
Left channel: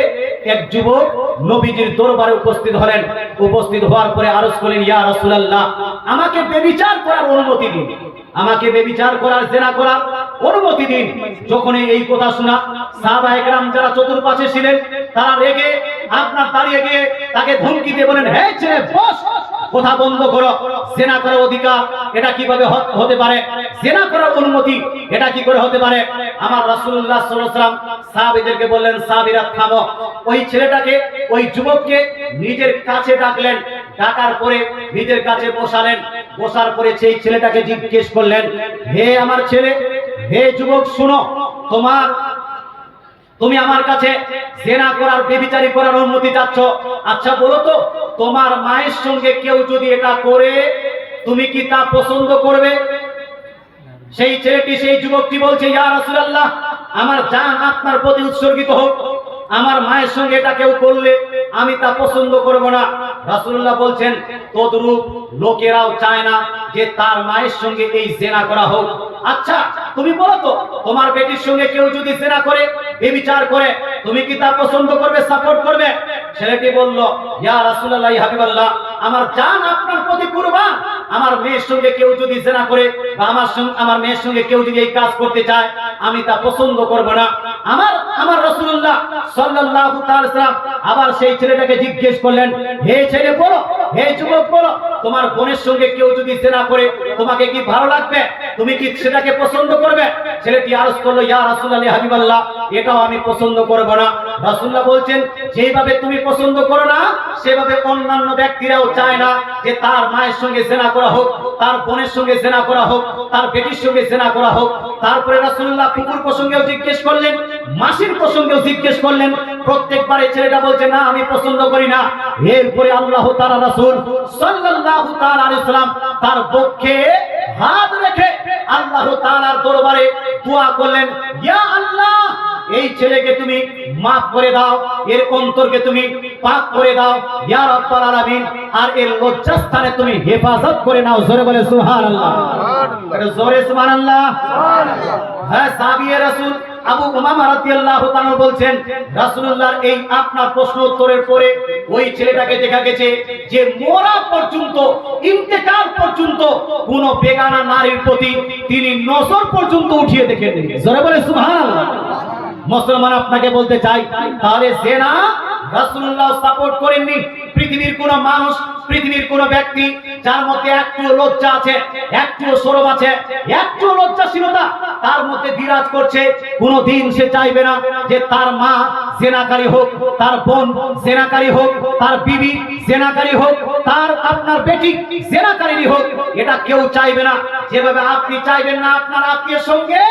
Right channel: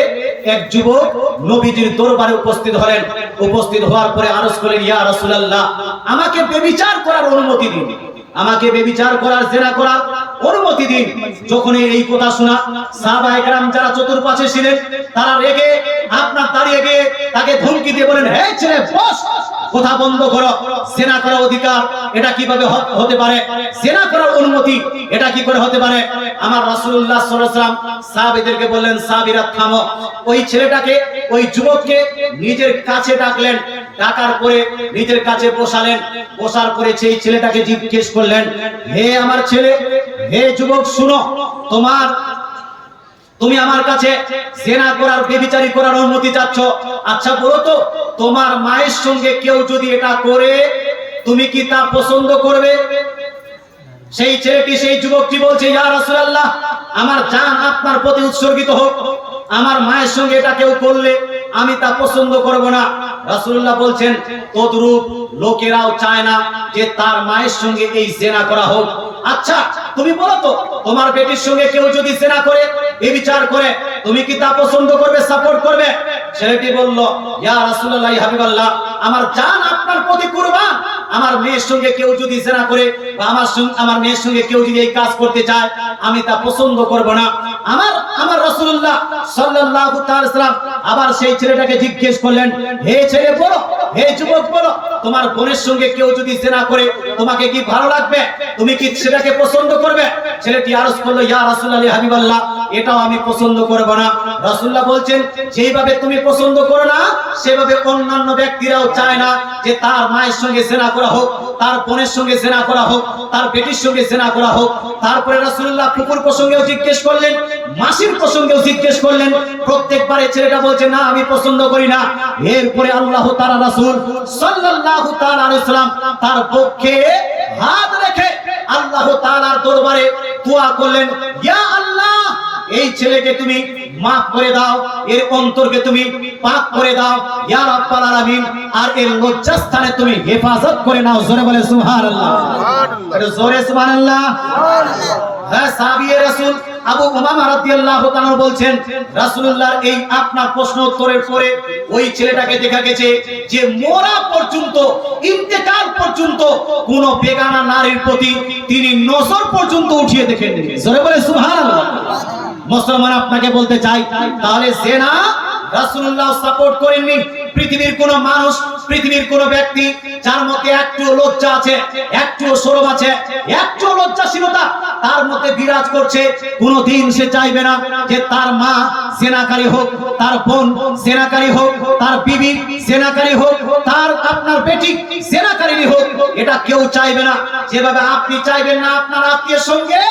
এক যুবক নবীজির দরবারে উপস্থিত হলেন। উপস্থিত হওয়ার পরে আরজ করলেন, ইয়া রাসূলুল্লাহ, আমাকে ব্যভিচার করার অনুমতি দিন, আমাকে ব্যভিচার করার, জেনা করার অনুমতি দিন। যখন এই কথা শোনা, সাহাবায়ে কেরাম যারা চতুর্পাশে ছিলেন তারা রেগে আপনার দাঁড়িয়ে গিয়ে তাকে ধমকি দিয়ে বলেন, হে ছেলে, বস, কথা বন্ধ করো। জেনা করার অধিকার এটা কিভাবে হতে পারে? জেনা করার অনুমতি এটা কি করে হতে পারে? আমার রাসূলুল্লাহ সাল্লাল্লাহু আলাইহি ওয়াসাল্লাম সাহাবীদেরকে বললেন, সাহাবীরা থামো। ওই ছেলেটাকে, ওই যুবককে নিজের কাছে ডাকলেন, ডাকার পরে নিজের কাছে বসালেন। বসার পরে সেই ছেলেটাকে জিজ্ঞেস করলেন, হে আমার ছেলে, হে যুবক, শুনো, তুমি আমার কাছে জেনা করার, ব্যভিচারী করার অনুমতি চাচ্ছ। আচ্ছা বলো তো, তোমার মায়ের সঙ্গে কেউ যদি এটা করে, তুমি কি তা পছন্দ করবে? সেই ছেলেটি, সেই যুবকটি বলছে, ইয়া রাসূলুল্লাহ, আমার জান আপনার প্রতি উৎসর্গিত হোক, আমার মায়ের সঙ্গে এটা কেউ করলে আমি তা পছন্দ করব না। রাসূলুল্লাহ বলছেন, তদ্রূপ লোকেরাও চায় না যে তার মায়ের সঙ্গে এই জেনা করা হোক। আচ্ছা তুমি বলো তো, তোমার বেটির সঙ্গে কেউ যদি জেনা করে, ব্যভিচার করে, তুমি কি তা পছন্দ করবে, সাপোর্ট করবে? ছেলেটি বলল, ইয়া রাসূলুল্লাহ, ইয়া হাবিবাল্লাহ, আমার জান আপনার প্রতি কুরবান, আমার মেয়ের সঙ্গে কেউ যদি জেনা করে বা আমার মেয়ের সঙ্গে কেউ যদি এই কাজ করতে চায়, আমি তা পছন্দ করব না। আমার রাসূলুল্লাহ সাল্লাল্লাহু তাআলা সাল্লাম আবার সেই ছেলেটাকে জিজ্ঞেস করলেন, হে ছেলে বলো, হে যুবক বলো, তোমার বোনের সঙ্গে কেউ যদি জেনা করে, তোমাকে কি ভালো লাগবে? তুমি কি সেটাকে পছন্দ করবে? ছেলেটি আরজ করলো, ইয়া রাসূলুল্লাহ, ইয়া হাবিবাল্লাহ, এটাও আমি পছন্দ করব না। রাসূলুল্লাহ বলছেন, যেইভাবে তুমি পছন্দ করো না, সেভাবে অন্যান্য ব্যক্তিরাও চায় না যে তার মায়ের সঙ্গে জেনা করা হোক, তার বোনের সঙ্গে জেনা করা হোক, তার বেটির সঙ্গে জেনা করা হোক। তারপরে রাসূলুল্লাহ ফুকুর প্রসঙ্গেও জিজ্ঞেস করলেন, মাসির প্রসঙ্গেও জিজ্ঞেস করলেন। প্রত্যেকবারে ছেলেটা বলছে, না, আমি পছন্দ করি না। এরপরে আল্লাহ তাআলা, রাসূল সাল্লাল্লাহু তাআলা আলাইহি সাল্লাম তার পক্ষে হাত রেখে আল্লাহ তাআলার দরবারে দোয়া করলেন, ইয়া আল্লাহ, এই ছেলেকে তুমি মাফ করে দাও, এর অন্তরকে তুমি পাক করে দাও, ইয়া রাব্বাল আলামিন, আর এর লজ্জাস্থানে তুমি হেফাজত করে নাও। জোরে বলে সুবহানাল্লাহ, জোরে সুবহানাল্লাহ। হ্যাঁ, সাহাবীয়ে রাসূল আবু উমামা রাদিয়াল্লাহু তাআলা বলছেন, রাসূলুল্লাহর এই আপনার প্রশ্ন উত্তরের পরে ওই ছেলেটাকে দেখা গেছে যে মরা পর্যন্ত, ইন্তেকাল পর্যন্ত কোন বেগানা নারীর প্রতি তিনি নজর পর্যন্ত উঠিয়ে দেখেননি। জোরে বলে সুবহানাল্লাহ। মুসলমান, আপনাকে বলতে চাই, তাহলে জেনা রাসূলুল্লাহ সাপোর্ট করেননি। পৃথিবীর কোন মানুষ, পৃথিবীর কোন ব্যক্তি যার মধ্যে একটু লজ্জা আছে, একটু শরম আছে, একটু লজ্জাশীলতা তার মধ্যে বিরাজ করছে, কোনদিন সে চাইবে না যে তার মা জেনাকারী হোক, তার বোন জেনাকারী হোক, তার বিবি জেনাকারী হোক, তার আপনার বেটি জেনাকারী হোক। এটা কেউ চাইবে না। যেভাবে আপনি চাইবেন না আপনার আত্মীয়ের সঙ্গে,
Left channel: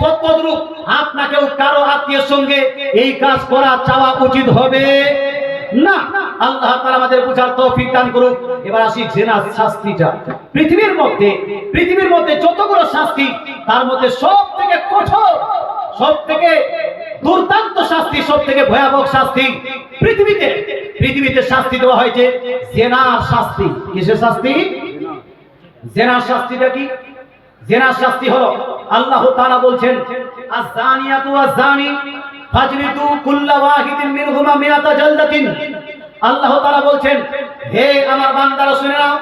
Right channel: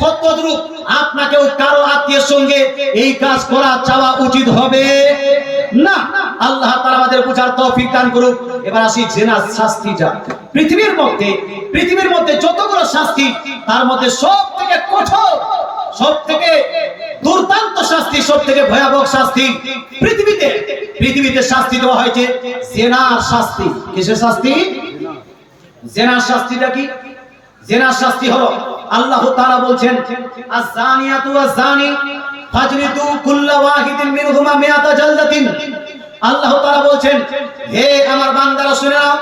সত্যদ্রূপ আপনাকেও কারো আত্মীয়ের সঙ্গে এই কাজ করা চাওয়া উচিত হবে না। আল্লাহ তাআলা আমাদের বুঝার তৌফিক দান করুন। এবার আসি জেনার শাস্তিটা। পৃথিবীর মধ্যে যতগুলো শাস্তি, তার মধ্যে সবথেকে কঠোর, সবথেকে দুর্দান্ত শাস্তি, সবথেকে ভয়াবহ শাস্তি পৃথিবীতে শাস্তি দেওয়া হয়েছে জেনার শাস্তি। কিসের শাস্তি? জেনার শাস্তিটা কি? জেনার শাস্তি হলো, আল্লাহ তাআলা বলছেন, আয-যানিয়াতু ওয়াজ-যানি ফাজলিদু কুল্লা ওয়াহিদিন মিনহুমা মিআতা জালদাতিন। আল্লাহ তাআলা বলছেন, হে আমার বান্দারা শুনে নাও,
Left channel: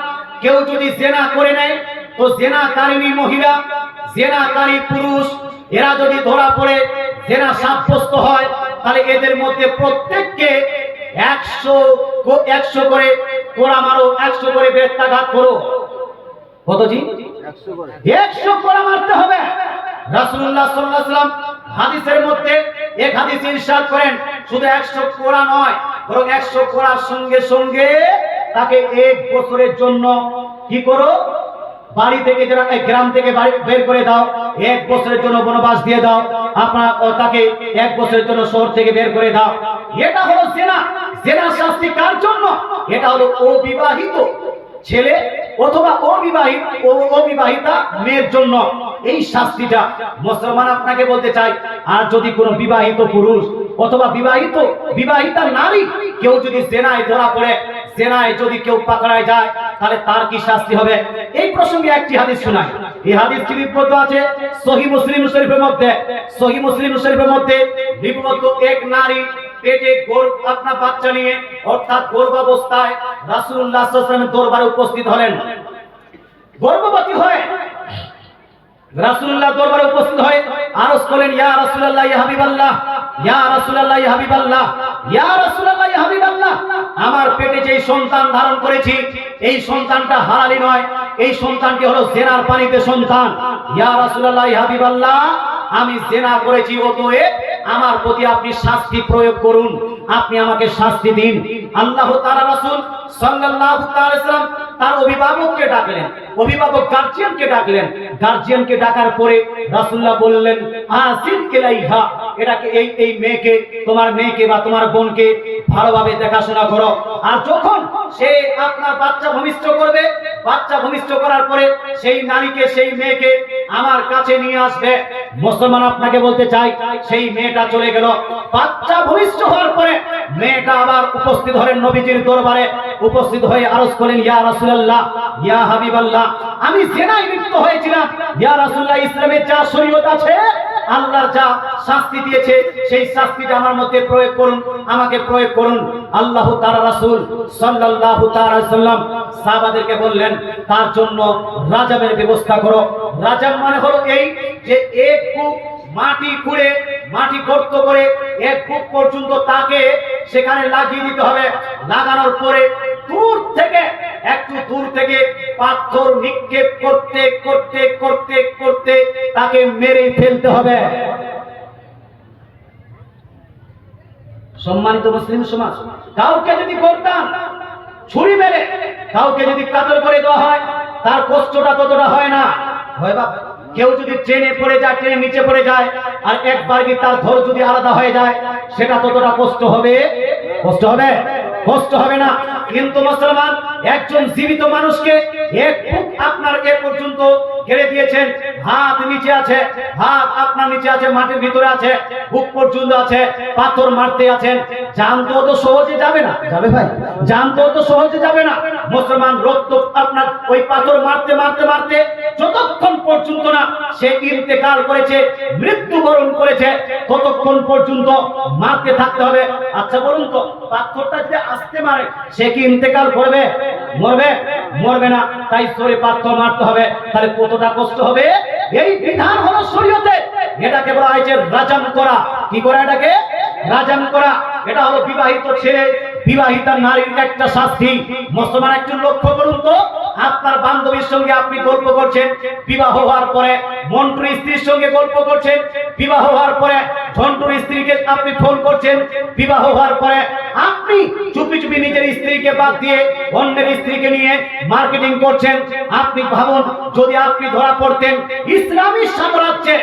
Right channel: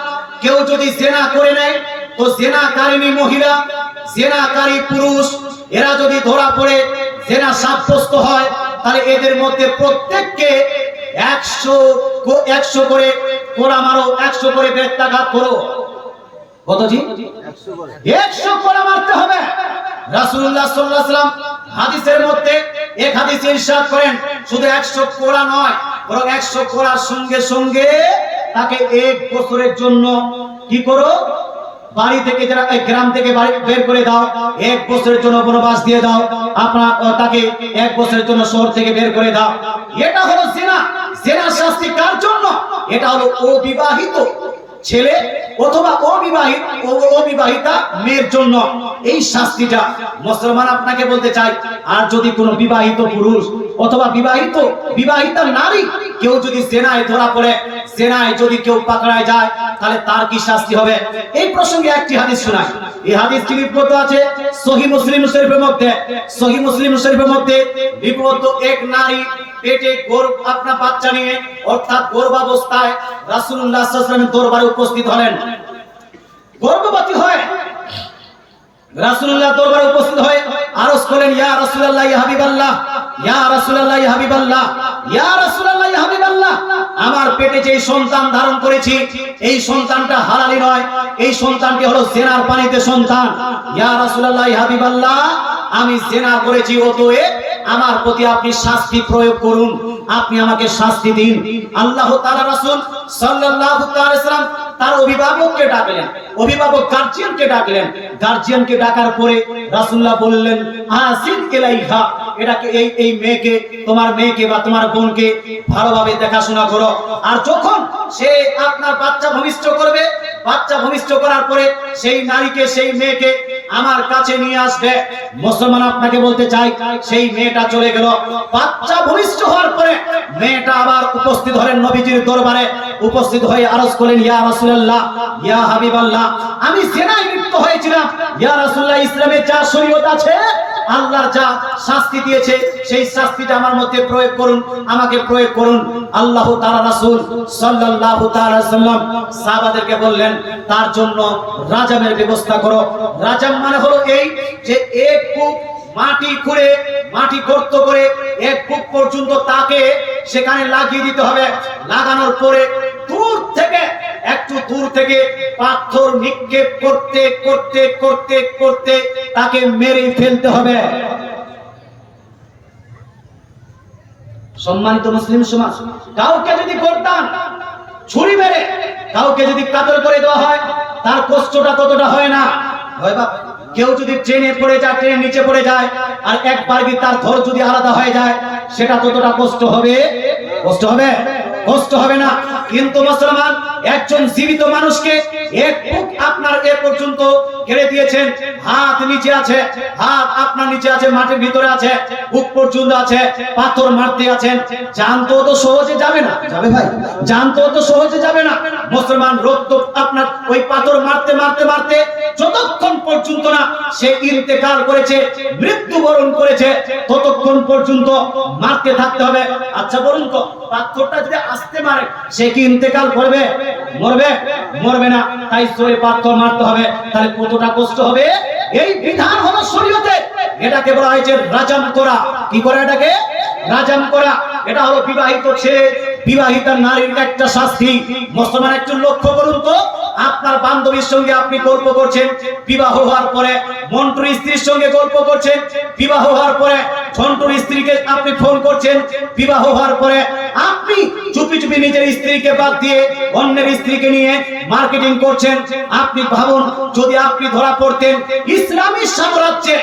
কেউ যদি জেনা করে নেয়, তো জেনাকারিনী মহিলা, জেনাকারী পুরুষ, এরা যদি ধরা পড়ে, জেনা সাব্যস্ত হয়, তাহলে এদের মধ্যে প্রত্যেককে 100 করে কোড়া মারো, 100 করে বেত্রাঘাত করো। কত জি? 100 করে। 100 কোড়া মারতে হবে। রাসূলুল্লাহ সাল্লাল্লাহু আলাইহি ওয়াসাল্লাম হাদিসের মধ্যে এক হাদিসে ইরশাদ করেন, শুধু 100 কোড়া নয়, বরং 100 কোড়ার সঙ্গে সঙ্গে তাকে 1 বছরের জন্য কি করো, বাড়ি থেকে যারা গ্রাম থেকে বের করে দাও, 1 বছরের জন্য বনবাস দিয়ে দাও, আপনার তাকে 1 বছরের জন্য শহর থেকে বের করে দাও। এটা হলো জিনা। জিনার শাস্তি কার জন্য? এটা হলো অবিবাহিত ছেলে অথবা অবিবাহিতা মেয়ের জন্য এই শাস্তিটা। মুসলমান আপনাকে বলতে চাই, আর যদি কোনো বিবাহিত পুরুষ অথবা বিবাহিতা নারী কেউ যদি জিনায় ধরা পড়ে, জিনায় যদি কেউ পাকড়ায় যায়, তাহলে তার কি শাস্তি হবে? এই প্রসঙ্গে একটি হাদিস শোনাই। এই হাদিসটি লিপিবদ্ধ আছে সহিহ মুসলিম শরীফের মধ্যে। সহিহ মুসলিম শরীফের মধ্যে লিপিবদ্ধ, এক নারী পেটে আপনার বাচ্চা নিয়ে অর্থাৎ গর্ভাবস্থায় রাসূলুল্লাহ সাল্লাল্লাহু আলাইহি ওয়াসাল্লামের দরবারে উপস্থিত হলেন। গর্ভবতী হয় রাসূলুল্লাহ দরবারে উপস্থিত হয়ে আরজ করলেন, ইয়া রাসূলুল্লাহ ইয়া হাবিবাল্লাহ, ইয়া রাসূলুল্লাহ ইয়া হাবিবাল্লাহ, ইয়া রাসূলুল্লাহ ইয়া হাবিবাল্লাহ, আমার পেটে যে সন্তান ধারণ করেছি এই সন্তানটা হালালি নয়, এই সন্তানটি হলো জিনার পানিতে সন্তান। ইয়া রাসূলুল্লাহ ইয়া হাবিবাল্লাহ, আমি জিনা করেছি, অতএব আমার প্রতি আপনি শাস্তি প্রয়োগ করুন, আপনি আমাকে শাস্তি দিন। আল্লাহ তাআলা রাসূল সাল্লাল্লাহু আলাইহি ওয়াসাল্লাম তার অভিভাবককে ডাকলেন, অভিভাবক গার্জিয়ানকে ডাকলেন। গার্জিয়ানকে ডাকার পরে রাসূলুল্লাহ বললেন, আসিন ইলাইহা, এটাকে এই মেয়েকে, তোমার মেয়েকে বা তোমার বোনকে ভালোভাবে দেখাশোনা করো। আর যখন সে আপনার বাচ্চা ভূমিষ্ঠ করবে, বাচ্চা ভূমিষ্ঠ করার পরে সেই নারীকে, সেই মেয়েকে আমার কাছে নিয়ে আসবে। মুসলমান আপনাকে বলতে চাই, সেই মেয়েটা চলে গেল। বাচ্চা ভূমিষ্ঠ হওয়ার পরে মেয়েটা আবার উপস্থিত হলেন নবীজির দরবারে। উপস্থিত হয়ে আরজ করলেন, ইয়া রাসূলুল্লাহ ইয়া হাবিবাল্লাহ, আমি জিনায় লিপ্ত হয়েছিলাম। ইয়া রাসূলুল্লাহ, ইসলামে যা শরীয়ত আছে, আল্লাহর যা শাস্তি দিয়েছে, সেই শাস্তিটা আমার মধ্যে প্রয়োগ করুন, আমাকে প্রয়োগ করুন। আল্লাহ তাআলা রাসূল সাল্লাল্লাহু তাআলা আলাইহি ওয়াসাল্লাম সাহাবাদেরকে বললেন, তার জন্য রাজামের ব্যবস্থা করো। রাজাম মানে হলো এই যে এক কূপ মাটি খুঁড়ে, মাটি গর্ত করে 1 ফুট পর্যন্ত তাকে সেখানে লাগিয়ে দিতে হবে। লাগানোর পরে একটু দূর থেকে পাথর নিক্ষেপ করতে করতে করতে করতে তাকে মেরে ফেলতে হবে। সম্মানিত মুসলিম সমাজ, কাউকে যদি করতাম ছুরি মেরে কাউকে যদি কাতল করে দেওয়া হয়, তার কষ্টটা ততটা হয় না। হয় বাবা, কেউ যদি ট্রেনে পড়ে যায়, ট্রেনের নিচে পড়ে যায়, আর একবার কি তার ধর যদি আলাদা হয়ে যায়, সেটা ততটা কষ্ট হবে? কষ্ট হবে? কষ্ট হবে না। কিন্তু মুসলমান একজন জীবিত মানুষকে 1 ফুট আপনার এ পর্যন্ত ঘিরে দিয়েছেন, হাত নিচে আছে, হাত আপনার নিচে আছে, মাটির ভিতরে আছে, বুক পর্যন্ত আছে, পাথর মারতে আছেন, জান তো অত সহজে যাবে না। যাবে ভাই? জান তো অত সহজে যাবে না। মুসলমান রক্ত আপনার ওই পাথর মারতে মারতে মারতে যতক্ষণ পর্যন্ত না সে ইন্তেকাল করেছে, মৃত্যুবরণ করেছে, ততক্ষণ পর্যন্ত মারতে থাকতে হবে। আচ্ছা বলুন তো, পাথরটা যদি আস্তে মারে সে কি ইন্তেকাল করবে? মরবে? মরবে না। তাই সরে পাথর মারতে হবে। তাহলে কতটা কষ্ট হবে? এই বিধান হলো শরীয়তে। এটাকে বলা হয়েছে রাজাম করা। কি করা? এটাকে রাজাম করা। এটা হলো বিবাহিত ছেলে, বিবাহিতা নারীর একটা শাস্তি। মুসলমান একটু লক্ষ্য করুন তো, আপনার বান্ধবীর সঙ্গে আপনি গল্প করছেন, বিবাহ হওয়ার পরে মন্টুর স্ত্রীর সঙ্গে গল্প করছেন, বিবাহ হওয়ার পরে ঝন্টুর স্ত্রীকে আপনি ফোন করছেন, বিবাহ হওয়ার পরে আপনি চুপি চুপি নিজের স্ত্রীকে বাদ দিয়ে অন্যের স্ত্রীকে নিয়ে মার্কেটিং করছেন। আপনি ভাবুন, যদি আপনি ধরা পড়তেন ইসলামী সাম্রাজ্যে,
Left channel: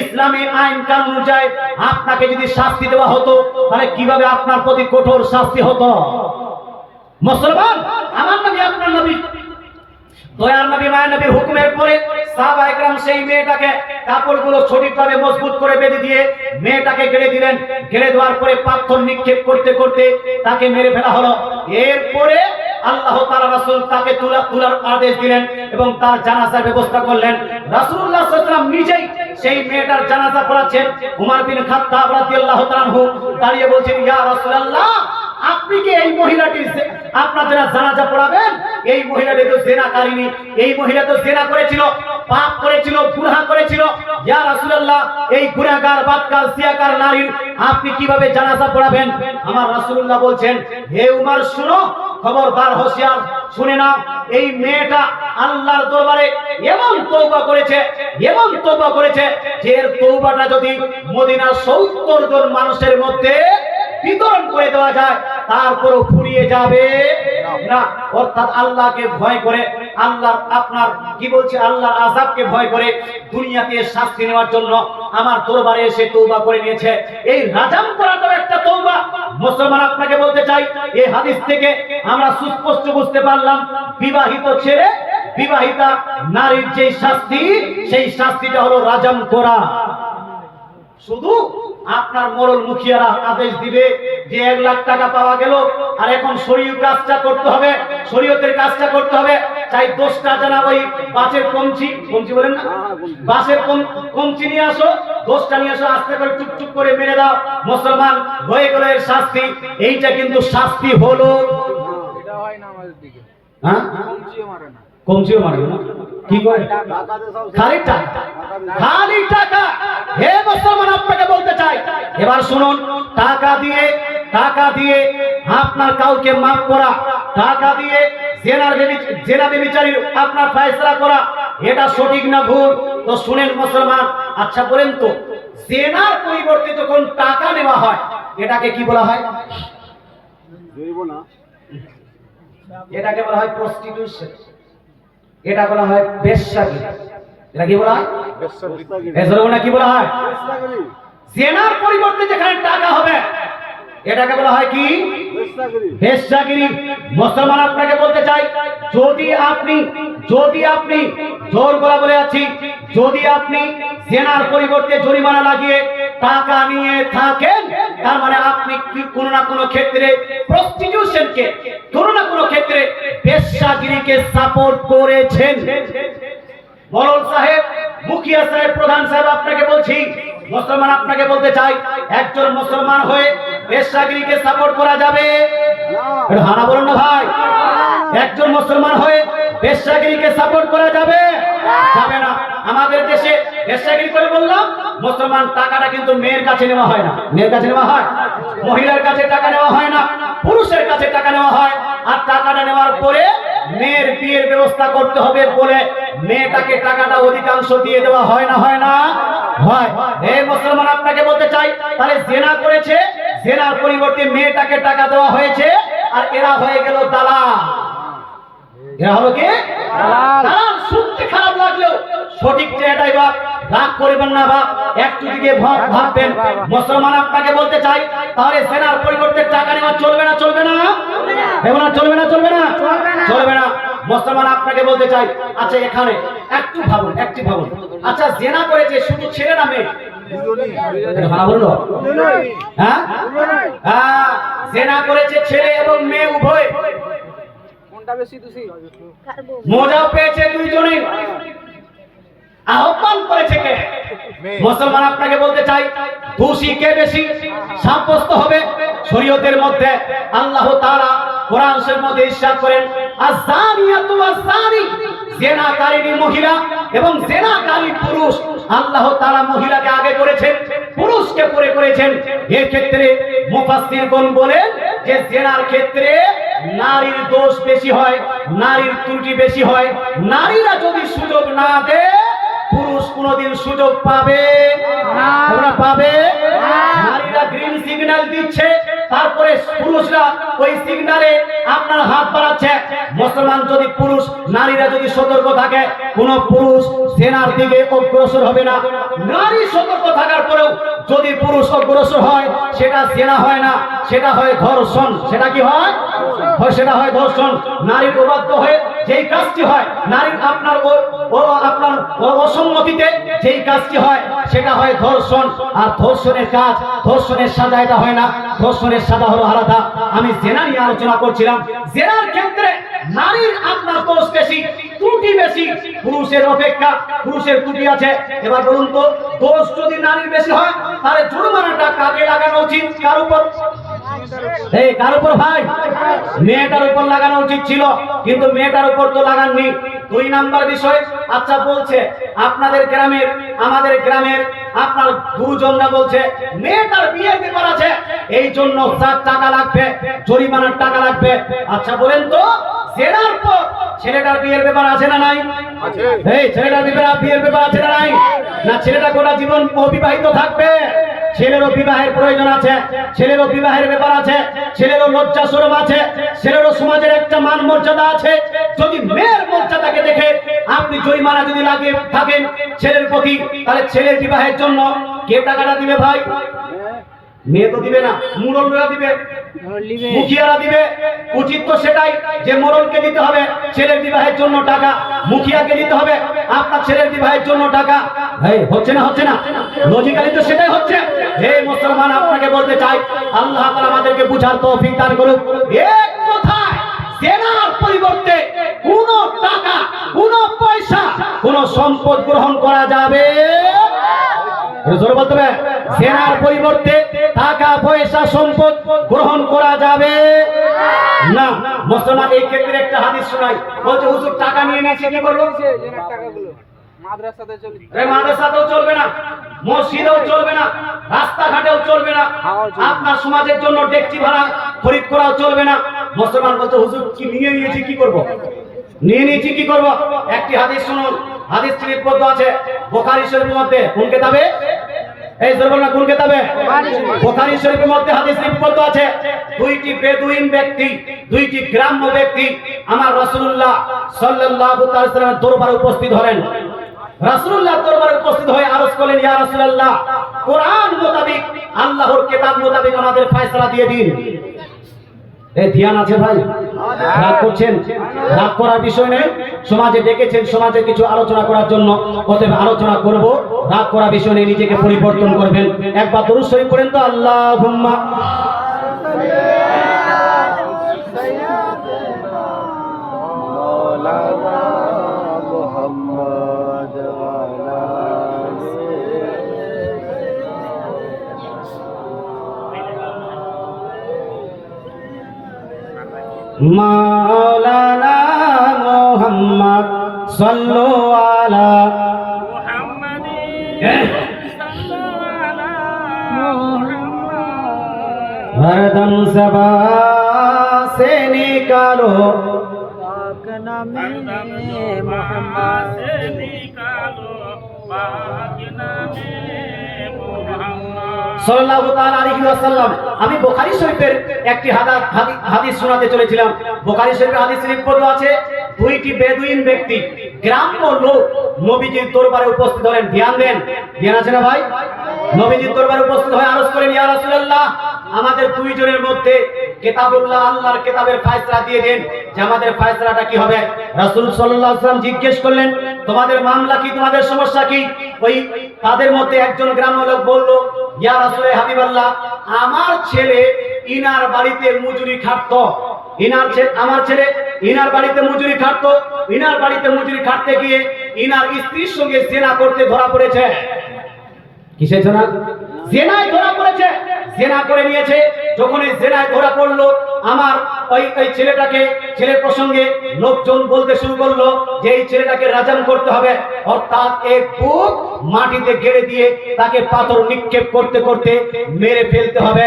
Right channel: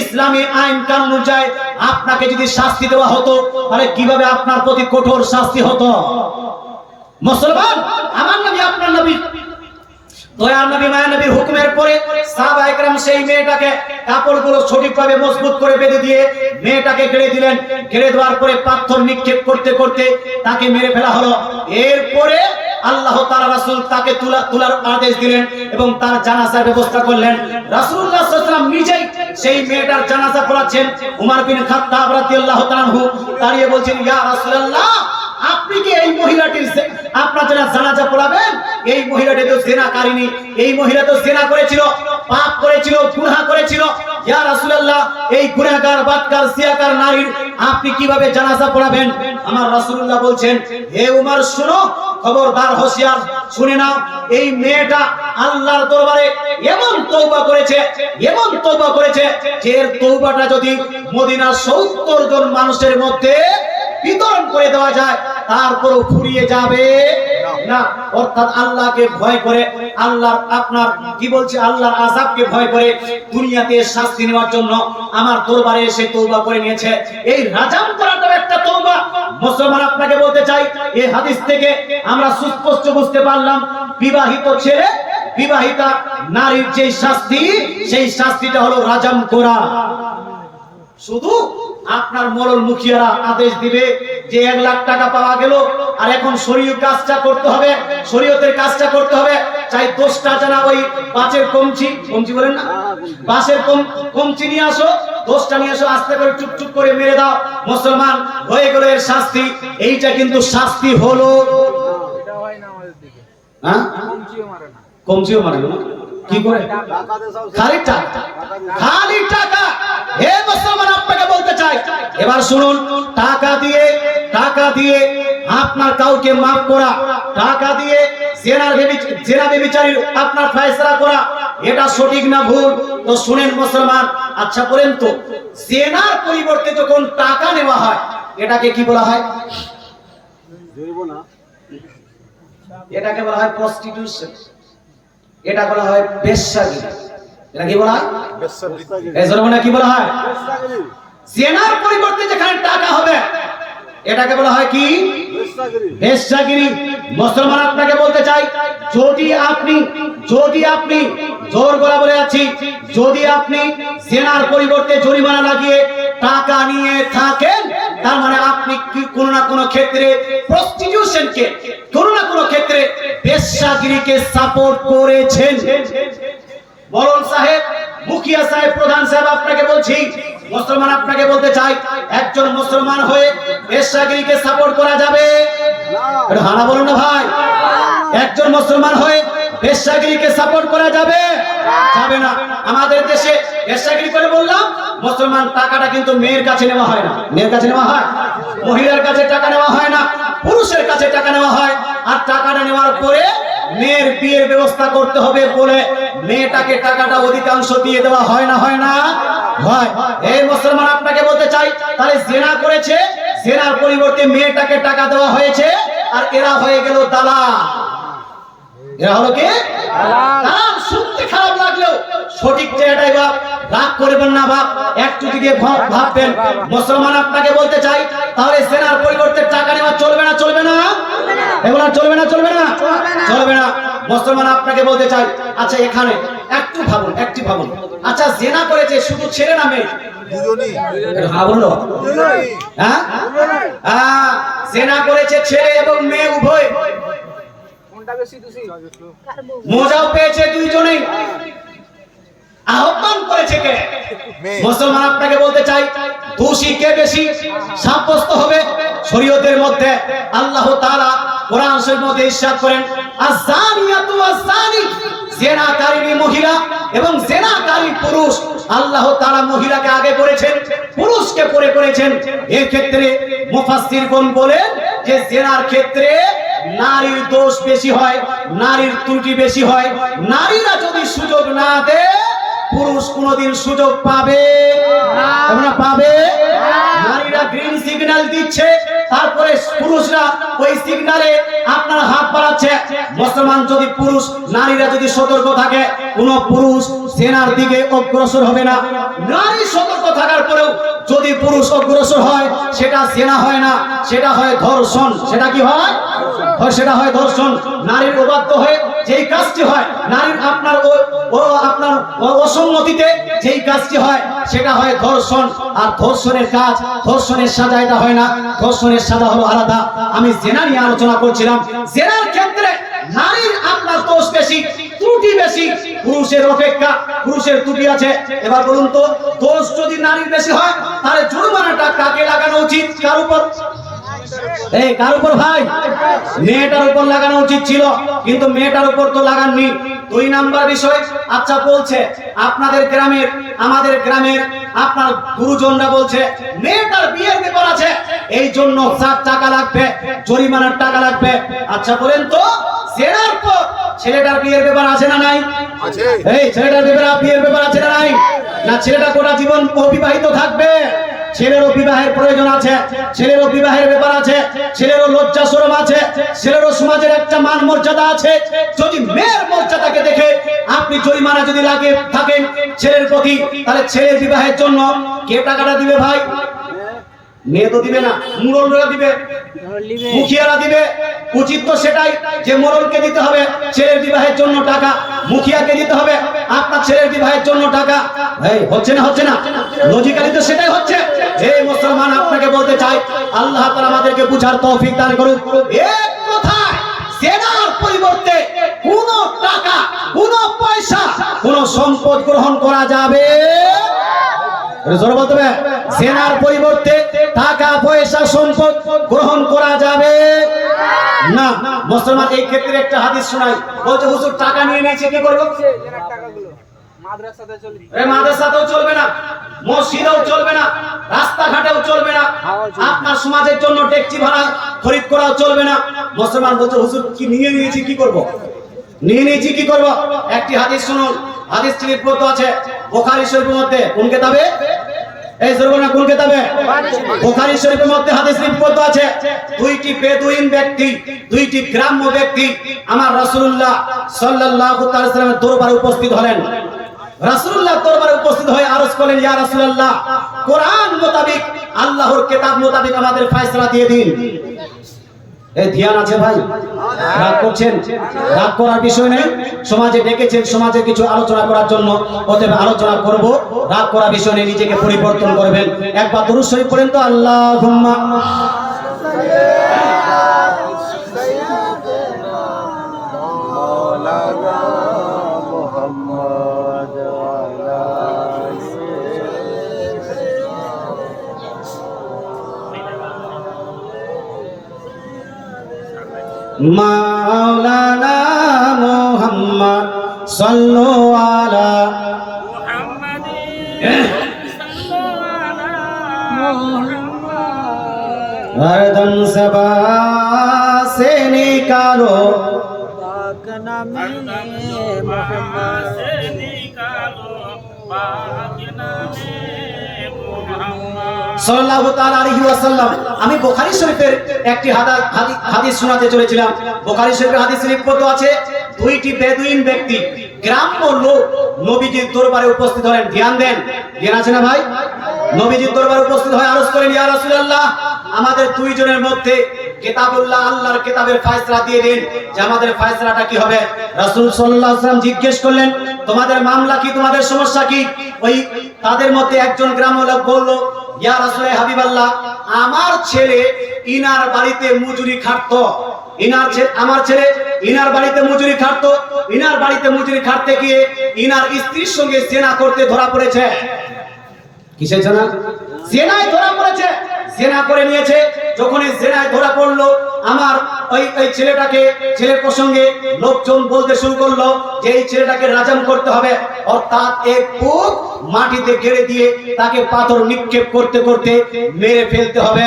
ইসলামী আইন কানুন অনুযায়ী আপনাকে যদি শাস্তি দেওয়া হতো, তাহলে কিভাবে আপনার প্রতি কঠোর শাস্তি হতো। মুসলমান, আমার নবী, আপনার নবী, দয়ার নবী, মায়ের নবীর হুকুমের পরে সাহাবায়ে কেরাম সেই মেয়েটাকে কাপড়গুলো সঠিকভাবে মজবুত করে বেঁধে দিয়ে মেয়েটাকে গেড়ে দিলেন। গেড়ে দেওয়ার পরে পাথর নিক্ষেপ করতে করতে তাকে মেরে ফেলা হলো। এরপরে আল্লাহ তাআলা রাসূল তাকে তোলার আদেশ দিলেন এবং তার জানাজার ব্যবস্থা করলেন। রাসূলুল্লাহ সাল্লাল্লাহু আলাইহি ওয়াসাল্লাম নিজেই সেই মেয়েটার জানাজা পড়াচ্ছেন। উমর বিন খাত্তাব রাদিয়াল্লাহু তাআলা আনহু দাঁড়িয়ে বলছেন, ইয়া রাসূলুল্লাহ, আপনি কি এই মহিলাটির আপনারা যারা জানাজা পড়াবেন, এই মহিলাটি তো জিনাকারিনী, এই মহিলা তো জিনা করেছিল, পাপ করেছিল, গুনাহ করেছিল। ইয়া রাসূলুল্লাহ, এই গুনাহগার, বাদকার, সিয়াকার নারীর আপনি কিভাবে জানাজা পড়াবেন? আমার রাসূলুল্লাহ বলছেন, হে উমর শুনো, খবরদার, হোশিয়ার, শুনে নাও, এই মেয়েটা আল্লাহর দরবারে এমন তওবা করেছে, এমন তওবা করেছে যে এর তওবাটা যদি মদিনার 70 জন মানুষের মধ্যে বিতরণ করে দেওয়া যায় তারপরও ফুরিয়ে যাবে না। অর্থাৎ আল্লাহকে ভয় করে, আল্লাহ আপনার কি বলছে, আল্লাহর আযাবকে ভয় করে দুনিয়াতে শাস্তি নেওয়ার জন্য আমার দরবারে এসে তওবা করে নিয়েছে। এই রাজাম করাটাও একটা তওবা। মুসলমান, আপনাকে বলতে চাই, এই হাদিস থেকে আমরা সুস্পষ্ট বুঝতে পারলাম বিবাহিত ছেলে, বিবাহিতা নারীর যে শাস্তি, সেই শাস্তিটা হলো রাজাম করা। শুধু আপনার মোড়ল মুখিয়ারা আদেশ দিবে যে 1 লাখ টাকা পাওয়া গেল, আর এখন শরীয়ত কাজটা করতে হবে, শরীয়তের কাজটা করতে হবে। চাই 10টা জানা ওই বাঁশের কমচি বলেন না, বাঁশের কমচি নিয়ে আসো, 10টা নিয়ে আসো, আস্তে করে টুকটুক করে মেরে দাও, মুসলমান হয়ে গেল এর শাস্তি। এইটা কিন্তু শাস্তি হলো, এটা হয় না আমাদের দিকে। হ্যাঁ, কমচিও মারে না, কি করে? খালি টাকা, খালি টাকা। হে মুসলমান, আপনাকে বলতে চাই, এবার শুনুন, টাকা দিয়ে আপনার কাউকে মাফ করা, টাকা দিয়ে জেনা ব্যভিচারীর আপনার ফয়সালা করা, এটা সঠিক না ভুল? তো শুনেন মুসলমান, আচ্ছা বলেন তো, জেনার পরিবর্তে যখন টাকা নেওয়া হয় এটাকে কি বলা হয়? এটাকে বলা হয় প্রস্টিটিউশন, এটা বলা হয় বেশ্যাগিরি। এটা কি বলা হয়? এই জন্য কি বলা হয়? জেনার পরিবর্তে যেখানে টাকা হবে এটাকে বলা হয় কি? বেশ্যাগিরি। মুসলমান, আপনাকে বলতে চাই, যদি আপনি জোর গলা বলে আছি, যদি আপনি জেনার পরিবর্তে জরিমানা লাগিয়ে টাকা নিয়ে থাকেন, তার মানে আপনি কোনো না কোনো ক্ষেত্রে প্রস্টিটিউশনকে, কোনো না কোনো ক্ষেত্রে বেশ্যাগিরিকে সাপোর্ট করেছেন। মোড়ল সাহেব, মুখিয়া সাহেব, প্রধান সাহেব, আপনাকে বলছি, মুসলমান, আপনাকে বলতে চাই, একজন মুসলমান হয়ে বেশ্যাগিরিকে সাপোর্ট করা যাবে? হানা বলুন না ভাই। একজন মুসলমান হয়ে বেশ্যাগিরিকে সাপোর্ট করা যাবে? যাবে না। আমাদের দেশে বেশ্যাগিরি করে বললাম, মুসলমান, টাকাটা কিন্তু মেয়ের কাছে নেওয়া হয় না। মেয়ের কাছে নেওয়া হয়, মহিলার কাছে টাকা নেওয়া হয় না, পুরুষের কাছে টাকা নেওয়া হয়। আর টাকাটা নেওয়ার পরে মেয়ের বিয়ের ব্যবস্থা করতে হবে বলে মেয়েটাকে টাকাটা অধিকাংশ দিয়ে দেওয়া হয় না, হয় না? হয়। এই মুসলমান, আপনাকে বলতে চাই, তাহলে জেনা করেছে, জেনার পরিবর্তে মেয়েটাকে টাকা দেওয়া হয়েছে, আর এরা হয়ে গেল দালাল। এরা হলো কি? দালাল। শুনতে খারাপ লাগলেও সঠিক জায়গায় রাগ করবেন না বাপ, একটু দিকে ভাববেন। মুসলমান, আপনাকে বলতে চাই, তাহলে জেনার পরিবর্তে টাকা নেওয়া চলবে না? চলবে না? এমন চলবে না? চলবে না? চলবে না। মুসলমান, আপনাকে বলতে চাই, আচ্ছা এখানে একটু ভাবুন, একটু ভাবুন, আচ্ছা জেনা করেছে শুধু ছেলে না মেয়ে? হ্যাঁ বললো, হ্যাঁ, জেনা করেছে ছেলে এবং মেয়ে উভয়, কোনটা বেশি দোষী? মজাও পেয়েছে দুইজনেই। আহ্বান করেছে কে? মুসলমান, আপনাকে বলতে চাই, দোষী কে বেশি সাব্যস্ত হবে? শরীয়তের মধ্যে আল্লাহ তাআলা কোরআন শরীফের মধ্যে ইরশাদ করেন, আয-যানিয়াতু ওয়াজ-যানি, জেনাকারী মহিলা এবং জেনাকারী পুরুষ। আল্লাহ তাআলা মহিলাকে আগে করেছেন, পুরুষকে পরে করেছেন। এই ক্ষেত্রে মুফাসসিরগণ বলেন যে জেনার ক্ষেত্রে নারীর দোষ বেশি হয়, নারীর ত্রুটি বেশি হয়। নারীরা যদি সুযোগ না দেয়, পুরুষ কোনদিন সুযোগ পাবে না। পাবে না। নারীরা গ্রিন সিগন্যাল দিচ্ছে, তারপরে পুরুষরা ওই সিগন্যালে আপনার হাত বাড়াচ্ছে। মুসলমান, যদি পুরুষ, নারীরা যদি সতর্ক থাকে, কোন পুরুষ জেনার দিকে অগ্রসর হবে না। নারী সতর্ক থাকার পরেও যদি পুরুষ অগ্রসর হয়, সেটা জেনা হয় না, সেটা হয় ধর্ষণ। সেটা কি হয়? সেটা হয় ধর্ষণ। নারীর অবাধ্য হয়ে যেই কাজটি হয়, নারীর আপনার আপনার অসম্মতিতে যেই কাজটি হয়, সেটা হয় ধর্ষণ। আর ধর্ষণের কাজ, ধর্ষণের সাজা এটা হয় না, ধর্ষণের সাজা হলো আলাদা। আমি জেনা নিয়ে আলোচনা করছিলাম। জেনার ক্ষেত্রে নারীর আপনার দোষ বেশি, ত্রুটি বেশি, পুরুষের অপেক্ষা পুরুষের ত্রুটি আছে। এবার বলুন তো, দোষ যদি নারীর বেশি হয়, তাহলে জরিমানাটা কাকে লাগানো উচিত? কার উপর? এই কার উপর ভাই? মেয়েটার উপর লাগানো উচিত ছিল, কিন্তু মেয়েটার উপর তো লাগাননি। 2 নাম্বার বিষয়, আচ্ছা বলছে আপনাদের গ্রামের, আমাদের গ্রামের আপনার গুরুজনরা বলছে মেয়েটার বিয়ের ব্যাপার আছে, এই জন্য 7 টাকা লাগবে, জরিমানার টাকা লাগবে। আচ্ছা বলেন তো, জেনার পর ছেলেটার বিয়ের ব্যাপার আছে না নাই? আছে। এই ছেলেটার বিয়ের ব্যাপার আছে না নাই? না ছেলেটা গোটা জীবন অবিবাহিত থাকবে? ছেলেরও বিবাহের প্রয়োজন আছে, ছেলেরও বিবাহের ব্যাপার আছে, ছেলেরও লজ্জা শরম আছে, ছেলেরও সমাজের একটা মান মর্যাদা আছে। যদি মেয়ের মর্যাদাকে দেখে আপনি জরিমানা যদি লাগে থাকেন ছেলের প্রতি, তাহলে ছেলের বিবাহের জন্য কে টাকাটা দিবে ভাই? মেয়ে তো দিবে না, মুরলরা দিবে, মুখিয়ারা দিবে। উচিত তো সেটাই যে মোড়লকে দিতে হবে ছেলের বিবাহের জন্য টাকা, মুখিয়াকে দিতে হবে আপনার ছেলের বিবাহের জন্য টাকা। এই হচ্ছে না, হচ্ছে না? লজিক্যালি তো সেটাই হচ্ছে। হে মুসলমান, আপনাকে বলতে চাই আল্লাহ তাআলা আমাদেরকে বুঝার তৌফিক দান করুন। এক কথায় জেনার পরিবর্তে কোনো টাকা, কোনো পয়সা, কোনো সম্পদ গ্রহণ করা যাবে। জোরে বলতে হবে, জেনার পরিবর্তে টাকা পয়সা সম্পদ গ্রহণ করা যাবে না। মুসলমান এই ক্ষেত্রে একটা হাদিস শোনাই, বলছে হুজুর টাকা নিয়ে নিয়েছে কি করব? জেনার টাকাগুলো মাদ্রাসাতে চলবে, মাদ্রাসাতেও চলবে না, মসজিদেও চলবে না, রাস্তাঘাটেও চলবে না, আপনার সমাজের জন্য ডেকচি ভাড়া খরিদ করাও চলবে না। মুসলমান বলছে হুজুর কি নিয়ে নিয়েছি কি করব? নিয়ে নিয়েছি কি করব? একটি হাদিস শুনুন, হাদিসটি লিপিবদ্ধ আছে বুখারী শরীফের মধ্যে। কোন কিতাবে? এই জোরে বলুন, কোন কিতাবে? বুখারী শরীফের মধ্যে হাদিস লিপিবদ্ধ আছে। 2টি বেদুইন ব্যক্তি, 2টি গ্রাম্য ব্যক্তি আমার রাসূলুল্লাহ সাল্লাল্লাহু তাআলা সাল্লামের দরবারে উপস্থিত হলেন। রাসূলুল্লাহ দরবারে উপস্থিত হয়ে আরজ করলেন, ইয়া রাসূলুল্লাহ, কোরআন মোতাবেক, আল্লাহর কিতাব মোতাবেক আমাদের ফয়সালা দিয়ে দিন। এই ধ্যান আছে ভাই? রাগ করছেন? রাগ করার বিষয় নেই। সমাজে ডেকেছেন সমাজে কিছু আলোচনা করার জন্য, অতএব আলোচনা করব। রাগ করার বিষয় নেই, নিজেকে পরিবর্তন করবেন। একবার দরুদ শরীফ পড়েন তো, আল্লাহুম্মা মাওলানা মুহাম্মদ আলা মাওলানা মুহাম্মদ সাল্লাল্লাহু আলা हरदम सबा से निकालो पाक नामे मोहम्मद से निकालो पाक नामे मोहम्मद সাল্লাল্লাহু তাআলা আলাইহি ওয়াসাল্লাম। আমি বুখারী শরীফের একটি হাদিস শোনাতে চলেছিলাম। বুখারী শরীফের হাদিস লিপিবদ্ধ আছে, 2টি বেদুইন ব্যক্তি, গ্রাম্য লোক নবীজির দরবারে উপস্থিত হলেন। ধ্যান দেন, ধ্যান আছে না ভাই? নবীজির দরবারে উপস্থিত হয়ে আরজ করেন, ইয়া রাসূলুল্লাহ, আমাদের 2 জনের মধ্যে কিতাবুল্লাহ, আল্লাহর কিতাবের ফয়সালা দিয়ে দেন যে আমাদের ফয়সালাটা কি হবে। রাসূল সাল্লাল্লাহু আলাইহি ওয়াসাল্লাম জিজ্ঞেস করলেন, তোমাদের মামলা কি, তোমাদের সমস্যা কি? ওই তাদের মধ্যে একজন গ্রাম্য লোক বলল, ইয়া রাসূল হাবিবাল্লাহ, আমার ছেলে ইনার বাড়িতে মজুরি খাটতো, আমার ছেলে ইনার বাড়িতে মজুরি খাটতো, ইনার বাড়িতে মজুরি খাটতে গিয়ে ইনার স্ত্রীর সঙ্গে জেনা করতে ধরা পড়েছে। কিসের জেনা? জেনায় ধরা পড়েছে, জেনা করে নিয়েছে। যখন এই জেনায় ধরা পড়লো, আমার ওই ছেলের প্রসঙ্গে লোকজন বলতে শুরু করলো যে এই ছেলেটাকে রাজাম করতে হবে, অর্থাৎ এক বুক মাটিতে গেড়ে দিয়ে তাকে পাথর নিক্ষেপ করতে করতে মেরে ফেলতে হবে।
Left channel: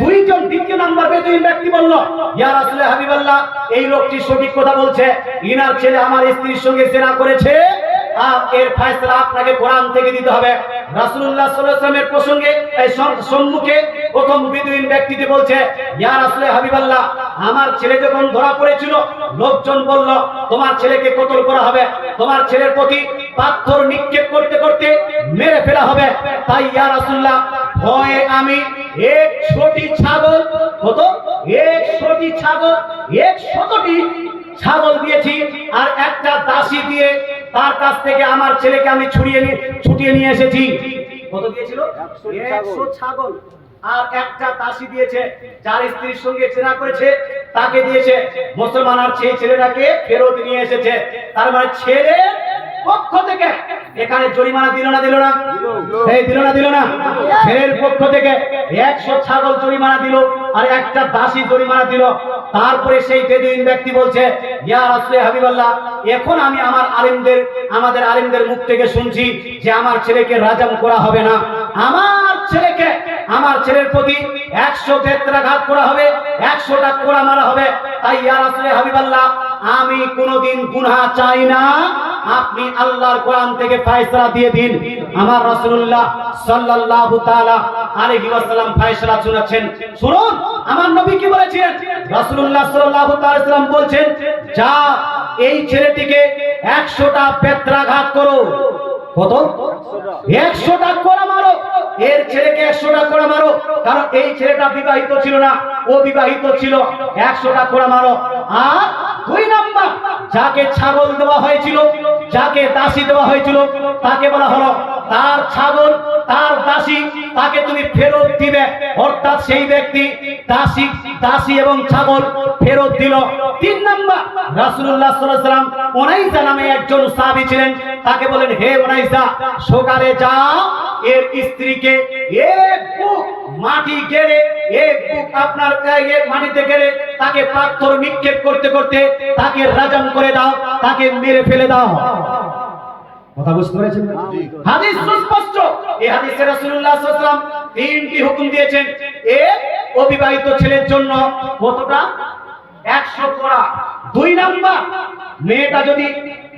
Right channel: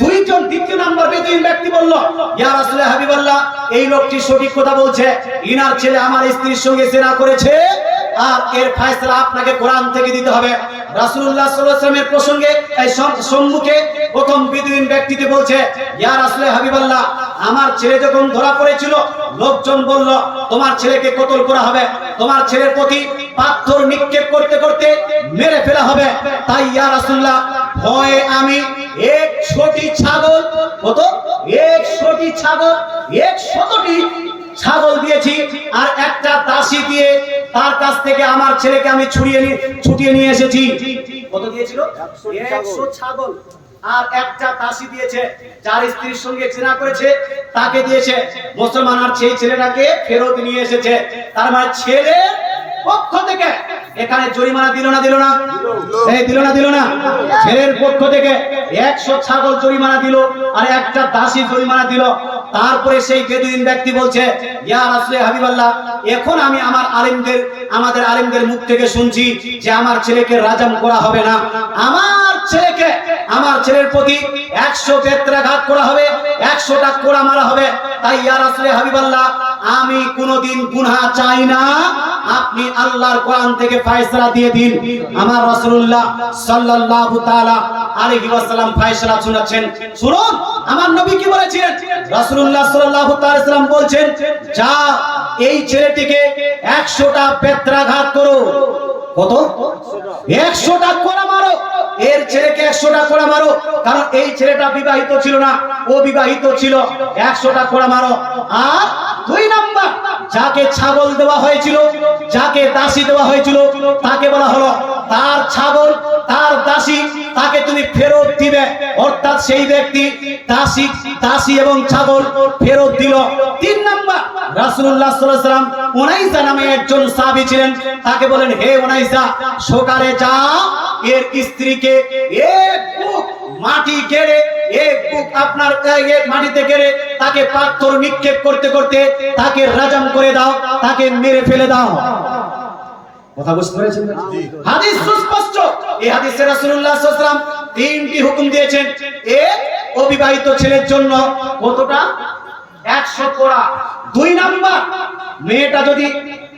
2 জন দ্বিতীয় নাম্বার বেদুইন ব্যক্তি বলল, ইয়া রাসূল হাবিবাল্লাহ, এই লোকটি সঠিক কথা বলছে, ইনার ছেলে আমার স্ত্রীর সঙ্গে জেনা করেছে, আর এর ফয়সালা আপনাকে কোরআন থেকে দিতে হবে। রাসূলুল্লাহ সাল্লাল্লাহু আলাইহি ওয়াসাল্লামের প্রসঙ্গে এই সম্মুখে প্রথম বেদুইন ব্যক্তিটি বলছে, ইয়া রাসূল হাবিবাল্লাহ, আমার ছেলে যখন ধরা পড়েছিল লোকজন বলল তোমার ছেলেকে কতল করা হবে, তোমার ছেলের প্রতি পাথর নিক্ষেপ করতে করতে মেরে ফেলা হবে। তাই ইয়া রাসূলুল্লাহ, ভয়ে আমি 100টি ছাগল, কত? 100টি ছাগল, 100টি ছাগল দিয়েছি, আর একটা দাসী দিয়ে তার কাছ থেকে আমার ছেলেকে আমি ছুটিয়ে নিয়ে এসেছি। কত দিয়েছিল? 100 ছাগল, আর একটা দাসী দিয়েছে, যার স্ত্রীর সঙ্গে জেনা করেছে তাকে দিয়েছে। মুসলমান আর সেই ছেলেটাকে ফেরত নিয়ে এসেছে। তার মানে ছেলের পক্ষ থেকে এখানে জরিমানা দিল না এই দিল না ছেলের পক্ষ থেকে 100 ছাগল জরিমানা দিল আর একটা দাসী জরিমানা দিল। তারপরে সেই বেদুইন ব্যক্তি বলছে, ইয়া রাসূলে হাবিবাল্লাহ, এখন আমি আমাদের আলেমদের মুখ থেকে শুনছি যে আমার ছেলেকে রাজাম করা হবে না, আমার ছেলের প্রতি 100 বেত্রাঘাত করা হবে, 100টা কোড়া মারা হবে। তাই ইয়া রাসূলে হাবিবাল্লাহ, আমি কোনোদিন গুনাহ চাই না, আপনি আল্লাহর কোরআন থেকে ফয়সালা দিয়ে দিন। আমার রাসূলুল্লাহ সাল্লাল্লাহু তাআলা আলাইহি ওয়াসাল্লাম ফয়সালা শোনাচ্ছেন। শুনুন আমার নবী কি বলেছেন। রাসূলুল্লাহ সাল্লাল্লাহু তাআলা আলাইহি ওয়াসাল্লাম বলছেন, যা এই ছেলেটিকে 100টা বেত্রাঘাত করো। কত? 100টা কোড়া মারো, এর ছেলেকে 100টা কোড়া মারো, কারণ এই ছেলেটা বিবাহিত ছিল না, ও বিবাহিত ছিল। 100টা কোড়া মারো। আর 2 নাম্বার, যাকে ছাগল দেওয়া হয়েছিল, যাকে দাসী দেওয়া হয়েছিল, তাকে বলা হলো তার ছাগল তার দাসী তাকে তুমি ফেরত দিবে। অর্থাৎ সেই ব্যক্তি দাসী এবং ছাগল ফেরত দিল। 3 নাম্বার, রাসূলুল্লাহ সাল্লাল্লাহু আলাইহি ওয়াসাল্লাম উনাইসা নামে একজন সাহাবী ছিলেন, তাকে বলেন, হে উনাইসা, সকালে যাও এর স্ত্রীকে এক বুক মাটি গেড়ে, এক বুক আপনার মাটিতে গেড়ে তাকে পাথর নিক্ষেপ করতে করতে তাকে রাজাম করে দাও, তাকে মেরে ফেলে দাও। কথা বুঝতে পেরেছেন? হাদিস সুস্পষ্ট। এই হাদিসে রাসূলুল্লাহ সাল্লাল্লাহু আলাইহি ওয়াসাল্লাম 3টি হুকুম দিয়েছেন। এক, অবিবাহিত ছেলের জন্য কতটা? 100 কোড়া। 2 নাম্বার, মেয়েটা যদি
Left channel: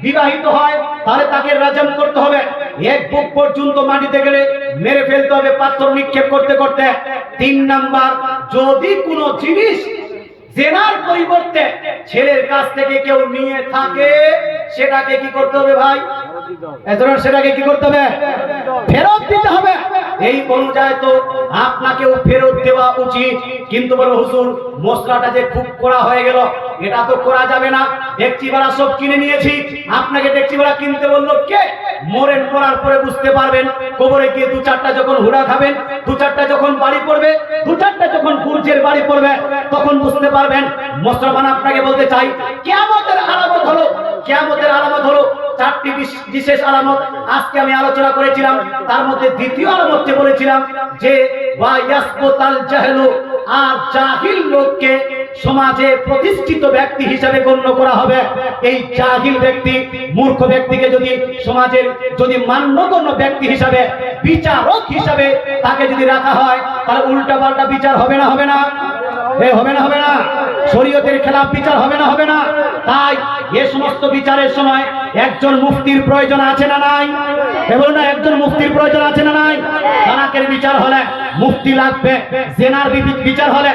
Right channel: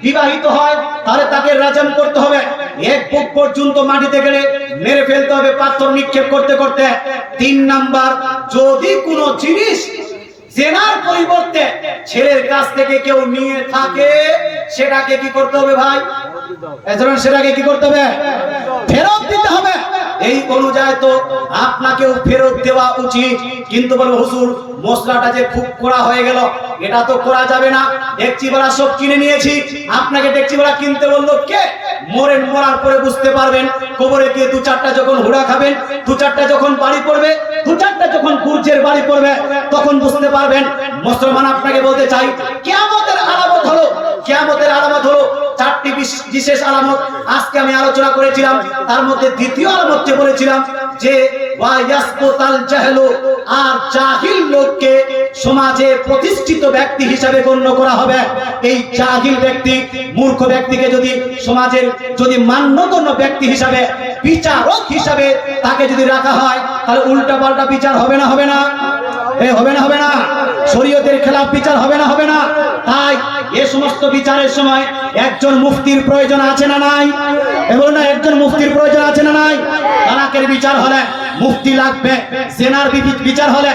বিবাহিত হয় তাহলে তাকে রাজাম করতে হবে, এক বুক পর্যন্ত মাটিতে গেলে মেরে ফেলতে হবে পাথর নিক্ষেপ করতে করতে। 3 নাম্বার, যদি কোনো জিনিস জেনার পরিবর্তে ছেলের কাছ থেকে কেউ নিয়ে থাকে, সেটাকে কি করতে হবে ভাই? সেটাকে কি করতে হবে? ফেরত দিতে হবে। এই অনুযায়ী তো আপনাকেও ফেরত দেওয়া উচিত। কিন্তু বলো হুজুর, মশলাটা যে খুব কড়া হয়ে গেল, এটা তো করা যাবে না, ডেকচি ভাড়া সব কিনে নিয়েছি। আপনাকে ডেকচি ভাড়া কিনতে বললো কে? মরার পরে বুঝতে পারবেন, কবরে গিয়ে 2-4টা যখন হুড়া খাবেন, 2-4টা যখন বাড়ি পড়বে, 2-4টা যখন গুরজের বাড়ি পড়বে, তখন বুঝতে পারবেন। মুসলমান, আপনাকে বলতে চাই, কিয়ামতের আলামত হলো 4টি বিশেষ আলামত আজকে আমি আলোচনা করেছিলাম। তার মধ্যে দ্বিতীয় আলামতটি বলেছিলাম যে ওয়ায়াসকুতাল জাহলু, আর জাহিল লোককে সমাজে প্রতিষ্ঠিত ব্যক্তি হিসেবে গণ্য করা হবে। এই জাহিল ব্যক্তি, মূর্খ ব্যক্তিকে যদি সমাজের যদি মান্যগণ্য ব্যক্তি হিসাবে, বিচারক হিসাবে তাকে যদি রাখা হয়, তাহলে উল্টাপাল্টা বিচার হবে না? হবে না? শরীয়তের খেলাফ বিচার হবে না? তাই এই সমস্ত বিচারের সময় একজন মুফতির প্রয়োজন আছে না নাই? বলুন না, একজন মুফতির প্রয়োজন আছে না নাই? তালাকের বিচার হলে মুফতি লাগবে, জেনার বিচার হলে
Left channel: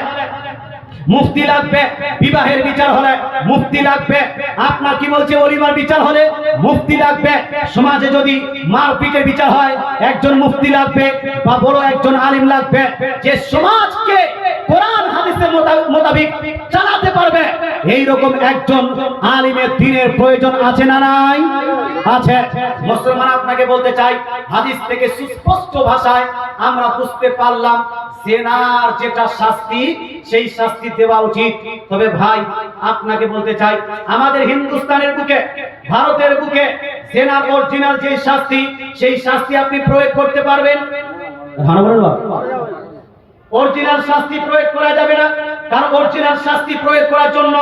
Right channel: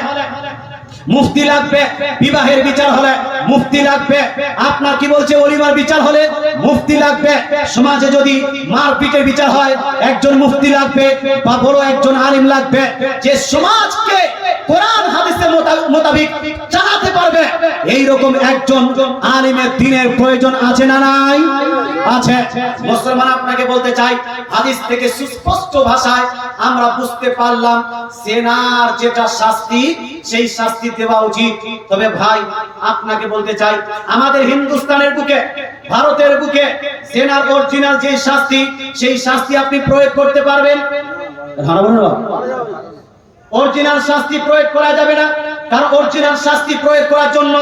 মুফতি লাগবে, বিবাহের বিচার হলে মুফতি লাগবে, আপনার কি বলছে ওলিমার বিচার হলে মুফতি লাগবে, সমাজে যদি মারপিটের বিচার হয় একজন মুফতি লাগবে বা বড় একজন আলিম লাগবে, যে সমাজকে কোরআন হাদিসের মোতাবেক চালাতে পারবে। এই রকম একজন আলিমের দ্বীনের প্রয়োজন আছে না নাই? আছে। মুসলমান, আপনাকে বলতে চাই, হাদিস থেকে সুস্পষ্ট ভাষায় আমরা বুঝতে পারলাম জেনার যেটা শাস্তি, সেই শাস্তি দেওয়া উচিত। তবে ভাই, আপনাকে বলতে চাই, আমাদের হিন্দুস্তানের বুকে, ভারতের বুকে জেনার অরিজিনাল যে শাস্তি, সেই শাস্তি আপনি প্রয়োগ করতে পারবেন? অরিজিনাল শাস্তি প্রয়োগ করা যাবে না, কারণ অরিজিনাল শাস্তি প্রয়োগ করার জন্য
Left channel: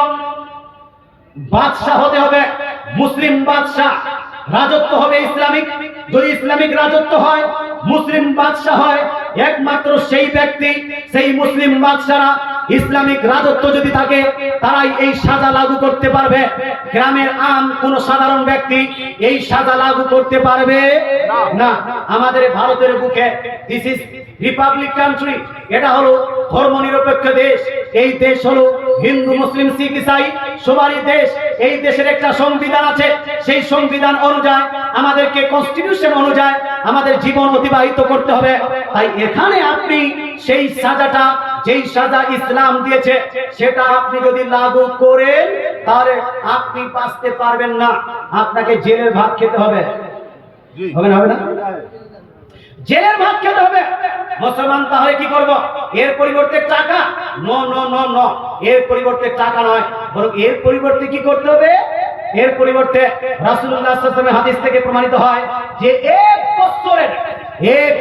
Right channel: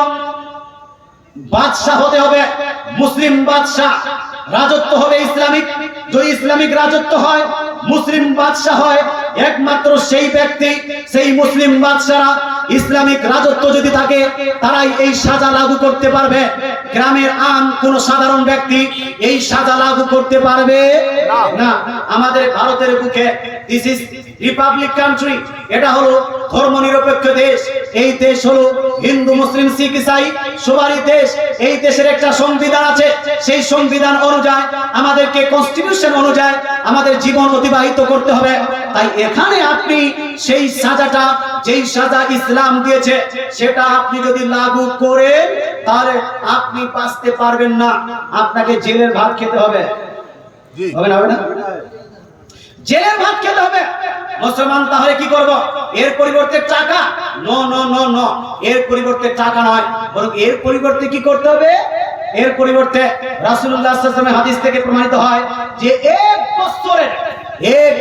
বাদশা হতে হবে, মুসলিম বাদশা, রাজত্ব হবে ইসলামিক। যদি ইসলামিক রাজত্ব হয়, মুসলিম বাদশা হয়, একমাত্র সেই ব্যক্তি, সেই মুসলিম বাদশারা, ইসলামিক রাজত্ব যদি থাকে, তারাই এই সাজা লাগু করতে পারবে। গ্রামের কোন সাধারণ ব্যক্তি এই সাজা লাগু করতে পারবে না। আমাদের ভারতের বুকে দিস ইজ রিপাবলিক কান্ট্রি, এটা হলো ধর্মনিরপেক্ষ দেশ। এই দেশ হলো হিন্দু, মুসলিম, শিখ, ইসাই সবারই দেশ। এই দেশের একটা সংবিধান আছে, সেই সংবিধান অনুযায়ী আমাদেরকে, কনস্টিটিউশন অনুযায়ী আমাদের জীবন অতিবাহিত করতে হবে। তাই এখানে আপনি সেই সাজাটা, যেই সাজা ইসলাম দিয়েছে, সেটা আপনি যদি লাগু করেন, তাহলে আপনি বাঁচতে পারবেন না, আপনাকে জেলের ভাত খেতে হবে। হবে না? জেলের ভাত খেতে হবে। মুসলমান, তাহলে কি করব? এর পরিবর্তে টাকা? নো, এর পরিবর্তে টাকা নয়, বরং এর পরিবর্তে কি করতে হবে? এর পরিবর্তে রাসূলুল্লাহ সাল্লাল্লাহু আলাইহি ওয়াসাল্লামের হাদিস থেকে প্রমাণিত হয় যে এক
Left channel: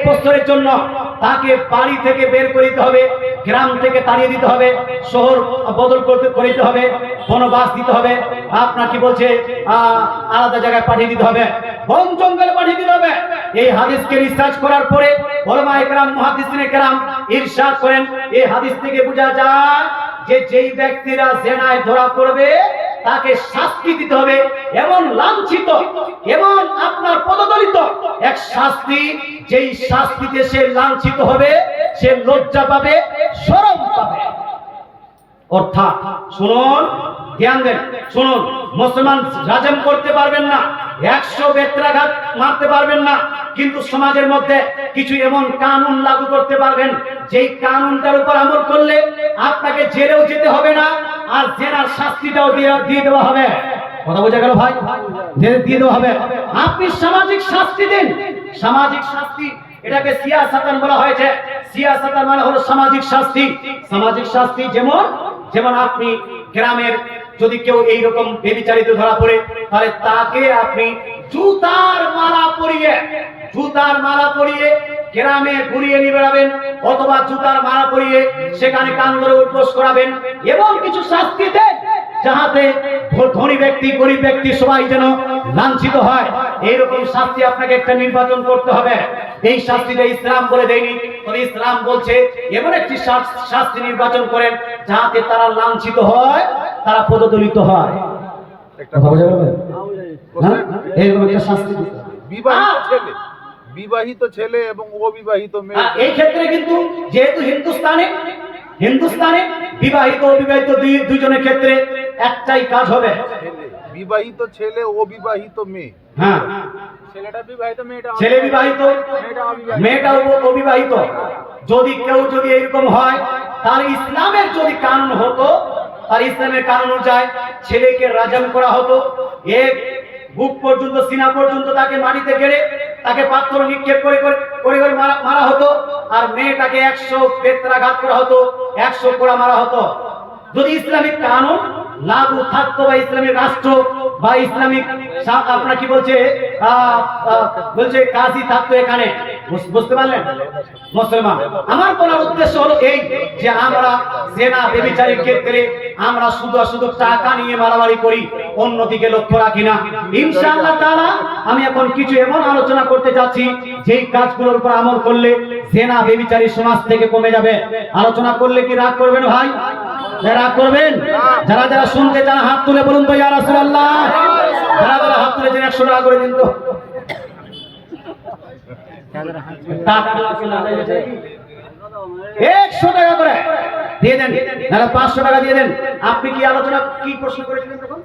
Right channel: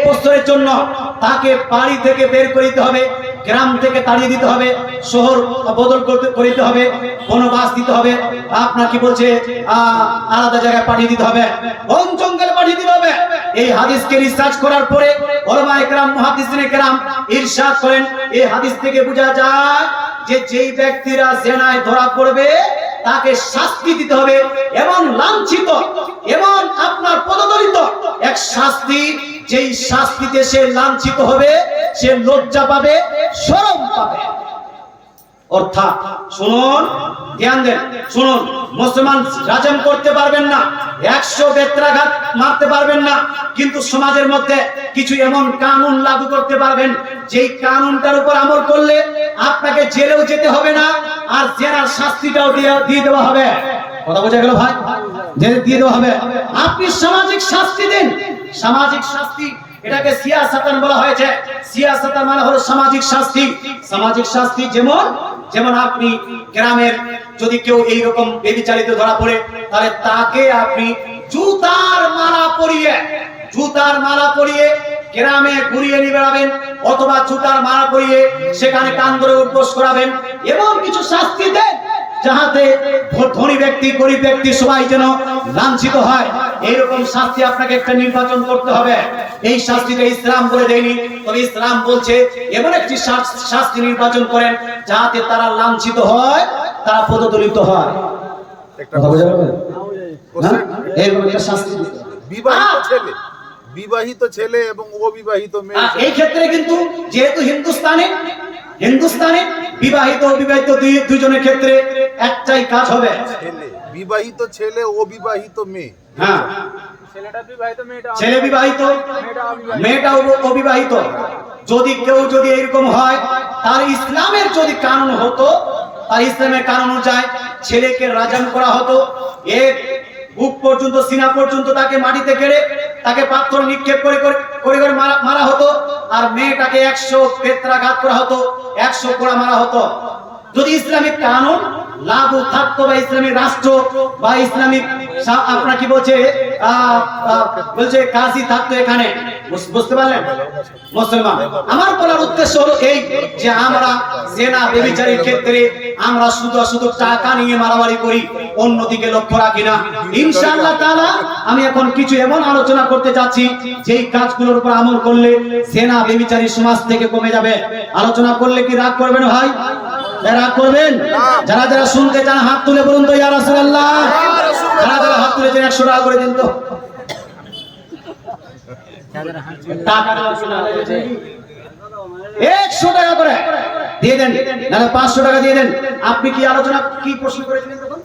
বছরের জন্য তাকে বাড়ি থেকে বের করে দিতে হবে, গ্রাম থেকে তাড়িয়ে দিতে হবে, শহর বদল করে দিতে হবে, বনবাস দিতে হবে, আপনার কি বলছে আলাদা জায়গায় পাঠিয়ে দিতে হবে, বন জঙ্গলে পাঠিয়ে দিতে হবে। এই হাদিসকে রিসার্চ করার পরে উলামায়ে কেরাম, মুহাদ্দিসিনে কেরাম ইরশাদ করেন, এই হাদিস থেকে বোঝা যায় যে যেই ব্যক্তিরা জেনায় ধরা পড়বে তাকে শাস্তি দিতে হবে, এবং লাঞ্ছিত এবং আপনার পদদলিত এক শাস্তি, যেই শাস্তিতে সে লাঞ্ছিত হবে, সে লজ্জা পাবে, শরম পাবে। অর্থাৎ শুনুন, ধ্যান দেন, শুনুন, মুসলমান রাজম করতে পারবেন না, 100 বেত্রাঘাত মারতে পারবেন না, কিন্তু সমাজের মধ্যে কিছু এমন কানুন লাগু করতে পারবেন যেই কানুনটার উপর আমল করলে আপনাকে জেলেও যেতে হবে না, আর জেনার শাস্তিটাও দিয়ে দেওয়া হবে। কথা বোঝা গেল ভাই? জেলে দিয়ে দেওয়া হবে। আপনি সামাজিক শাস্তি দিন, সামাজিক শাস্তি, এটাকে সিয়াসাতান বলা হয়েছে। সিয়াসাতান মানে হলো সামাজিক শাস্তি। সামাজিক শাস্তি যেমন আপনি গ্রামের যদি কেউ এইরকম ব্যভিচারিত ধরা পড়ে, তাহলে তাকে আপনি জুতার মালা পরিয়ে গ্রামে ঘুরিয়ে নিয়ে বেড়াবেন, অথবা জুতার মালা পরিয়ে সেখানে কান ধরে উপোস করাবেন, এবং কিছু শাস্তি দেন যাহাতে ধনী ব্যক্তি গরিব ব্যক্তি সবাই যেন লাঞ্ছিত হয়। এইরকম শাস্তি আপনাকে একটা নির্বাচন করতে হবে। এই শাস্তিটা ইসলাম বলে দেয়নি, তবে ইসলাম বলছে এমন একটি শাস্তি নির্বাচন করেন যাহাতে তারা লাঞ্ছিত হয়, তারা পদদলিত হয়। এরকম একটা শাস্তি বিবাহিত ছেলে এবং অবিবাহিত মেয়ে, এই ক্ষেত্রে কিন্তু যেহেতু হিন্দুস্তানে বিবাহিত অবিবাহিত দুজনের ক্ষেত্রে একটাই কাজ হবে, বিবাহিত ছেলে অবিবাহিত মেয়ে। হ্যাঁ, ছেলেটা বিবাহিত, ছেলে বিবাহিত, মেয়েটা অবিবাহিত। যদি এরকম হয়, তার ইসলামের যদি কানুন হতো, তার ইসলামের কানুন অনুযায়ী ছেলেকে রাজম করা হতো, এক বুক পর্যন্ত, সিনা পর্যন্ত তাকে মাটিতে গেড়ে তাকে পাথর নিক্ষেপ করে মারা হতো, আর মেয়েটাকে 100 বেত্রাঘাত করা হতো, 100 কোড়া মারা হতো। যদি ইসলামিক কানুন লাগু থাকতো, বা ইসলামিক রাষ্ট্র, বা ইসলামিক আপনার কি বলছে কাজী থাকতো এখানে, বুঝতে পারলেন মুসলমান? আমার বলার উদ্দেশ্য হলো এই যে আমরা জেনা ব্যভিচারের ক্ষেত্রে আমরা শুধু টাকা নিয়ে মারামারি করি, অন্যদিকে লক্ষ্য রাখি না। ইনশাআল্লাহ তাআলা আমি এখন কিছু এমন আলোচনা করতে যাচ্ছি যেই কাজগুলোর উপর আমল করলে জেনা ব্যভিচারী সমাজ থেকে কমে যাবে। আলোচনা করলে কি রাগ করবেন ভাই? রাগ করবেন? যারা শুনতে চান হাত তুলে বলুন তো ইয়া রাসূলুল্লাহ। যারা হাত তুলেছেন 100 টাকা করে দিন তো। টাকা 100 টাকা করে দিয়ে দেন, না 500 টাকা দিয়ে দেন। আপনি কি আলোচনা, কি প্রশ্ন করেছিলেন তখন?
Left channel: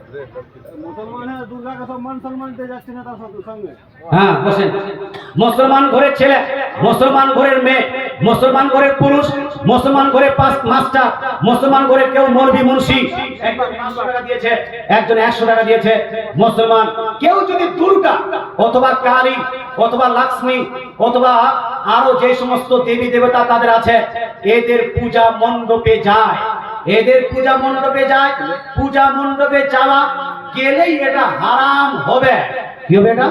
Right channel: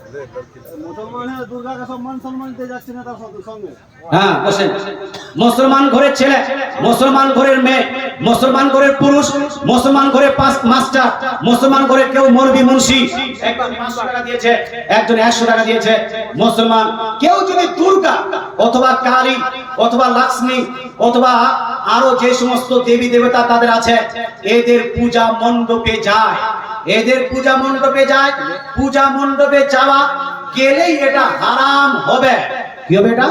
মুসলমানের দুর্গাকে সম্মান দিতে যাচ্ছে না তার সঙ্গে। হ্যাঁ, বসেন। মুসলমান ঘরের ছেলে, মুসলমান ঘরের মেয়ে, মুসলমান ঘরের পুরুষ, মুসলমান ঘরের মাস্টার, মুসলমান ঘরের কেউ মৌলবি মুন্সি, একজন 500 টাকা দিয়েছে, একজন 100 টাকা দিয়েছে। মুসলমান কেউ যদি দুর্গা অথবা কালী অথবা লক্ষ্মী অথবা আরো যে সমস্ত দেবী দেবতা তাদের আছে, এদের পূজা মণ্ডপে যায়, পূজা মণ্ডপে যাওয়া গেলেই এটা হারাম হবে। কি হবে? এটা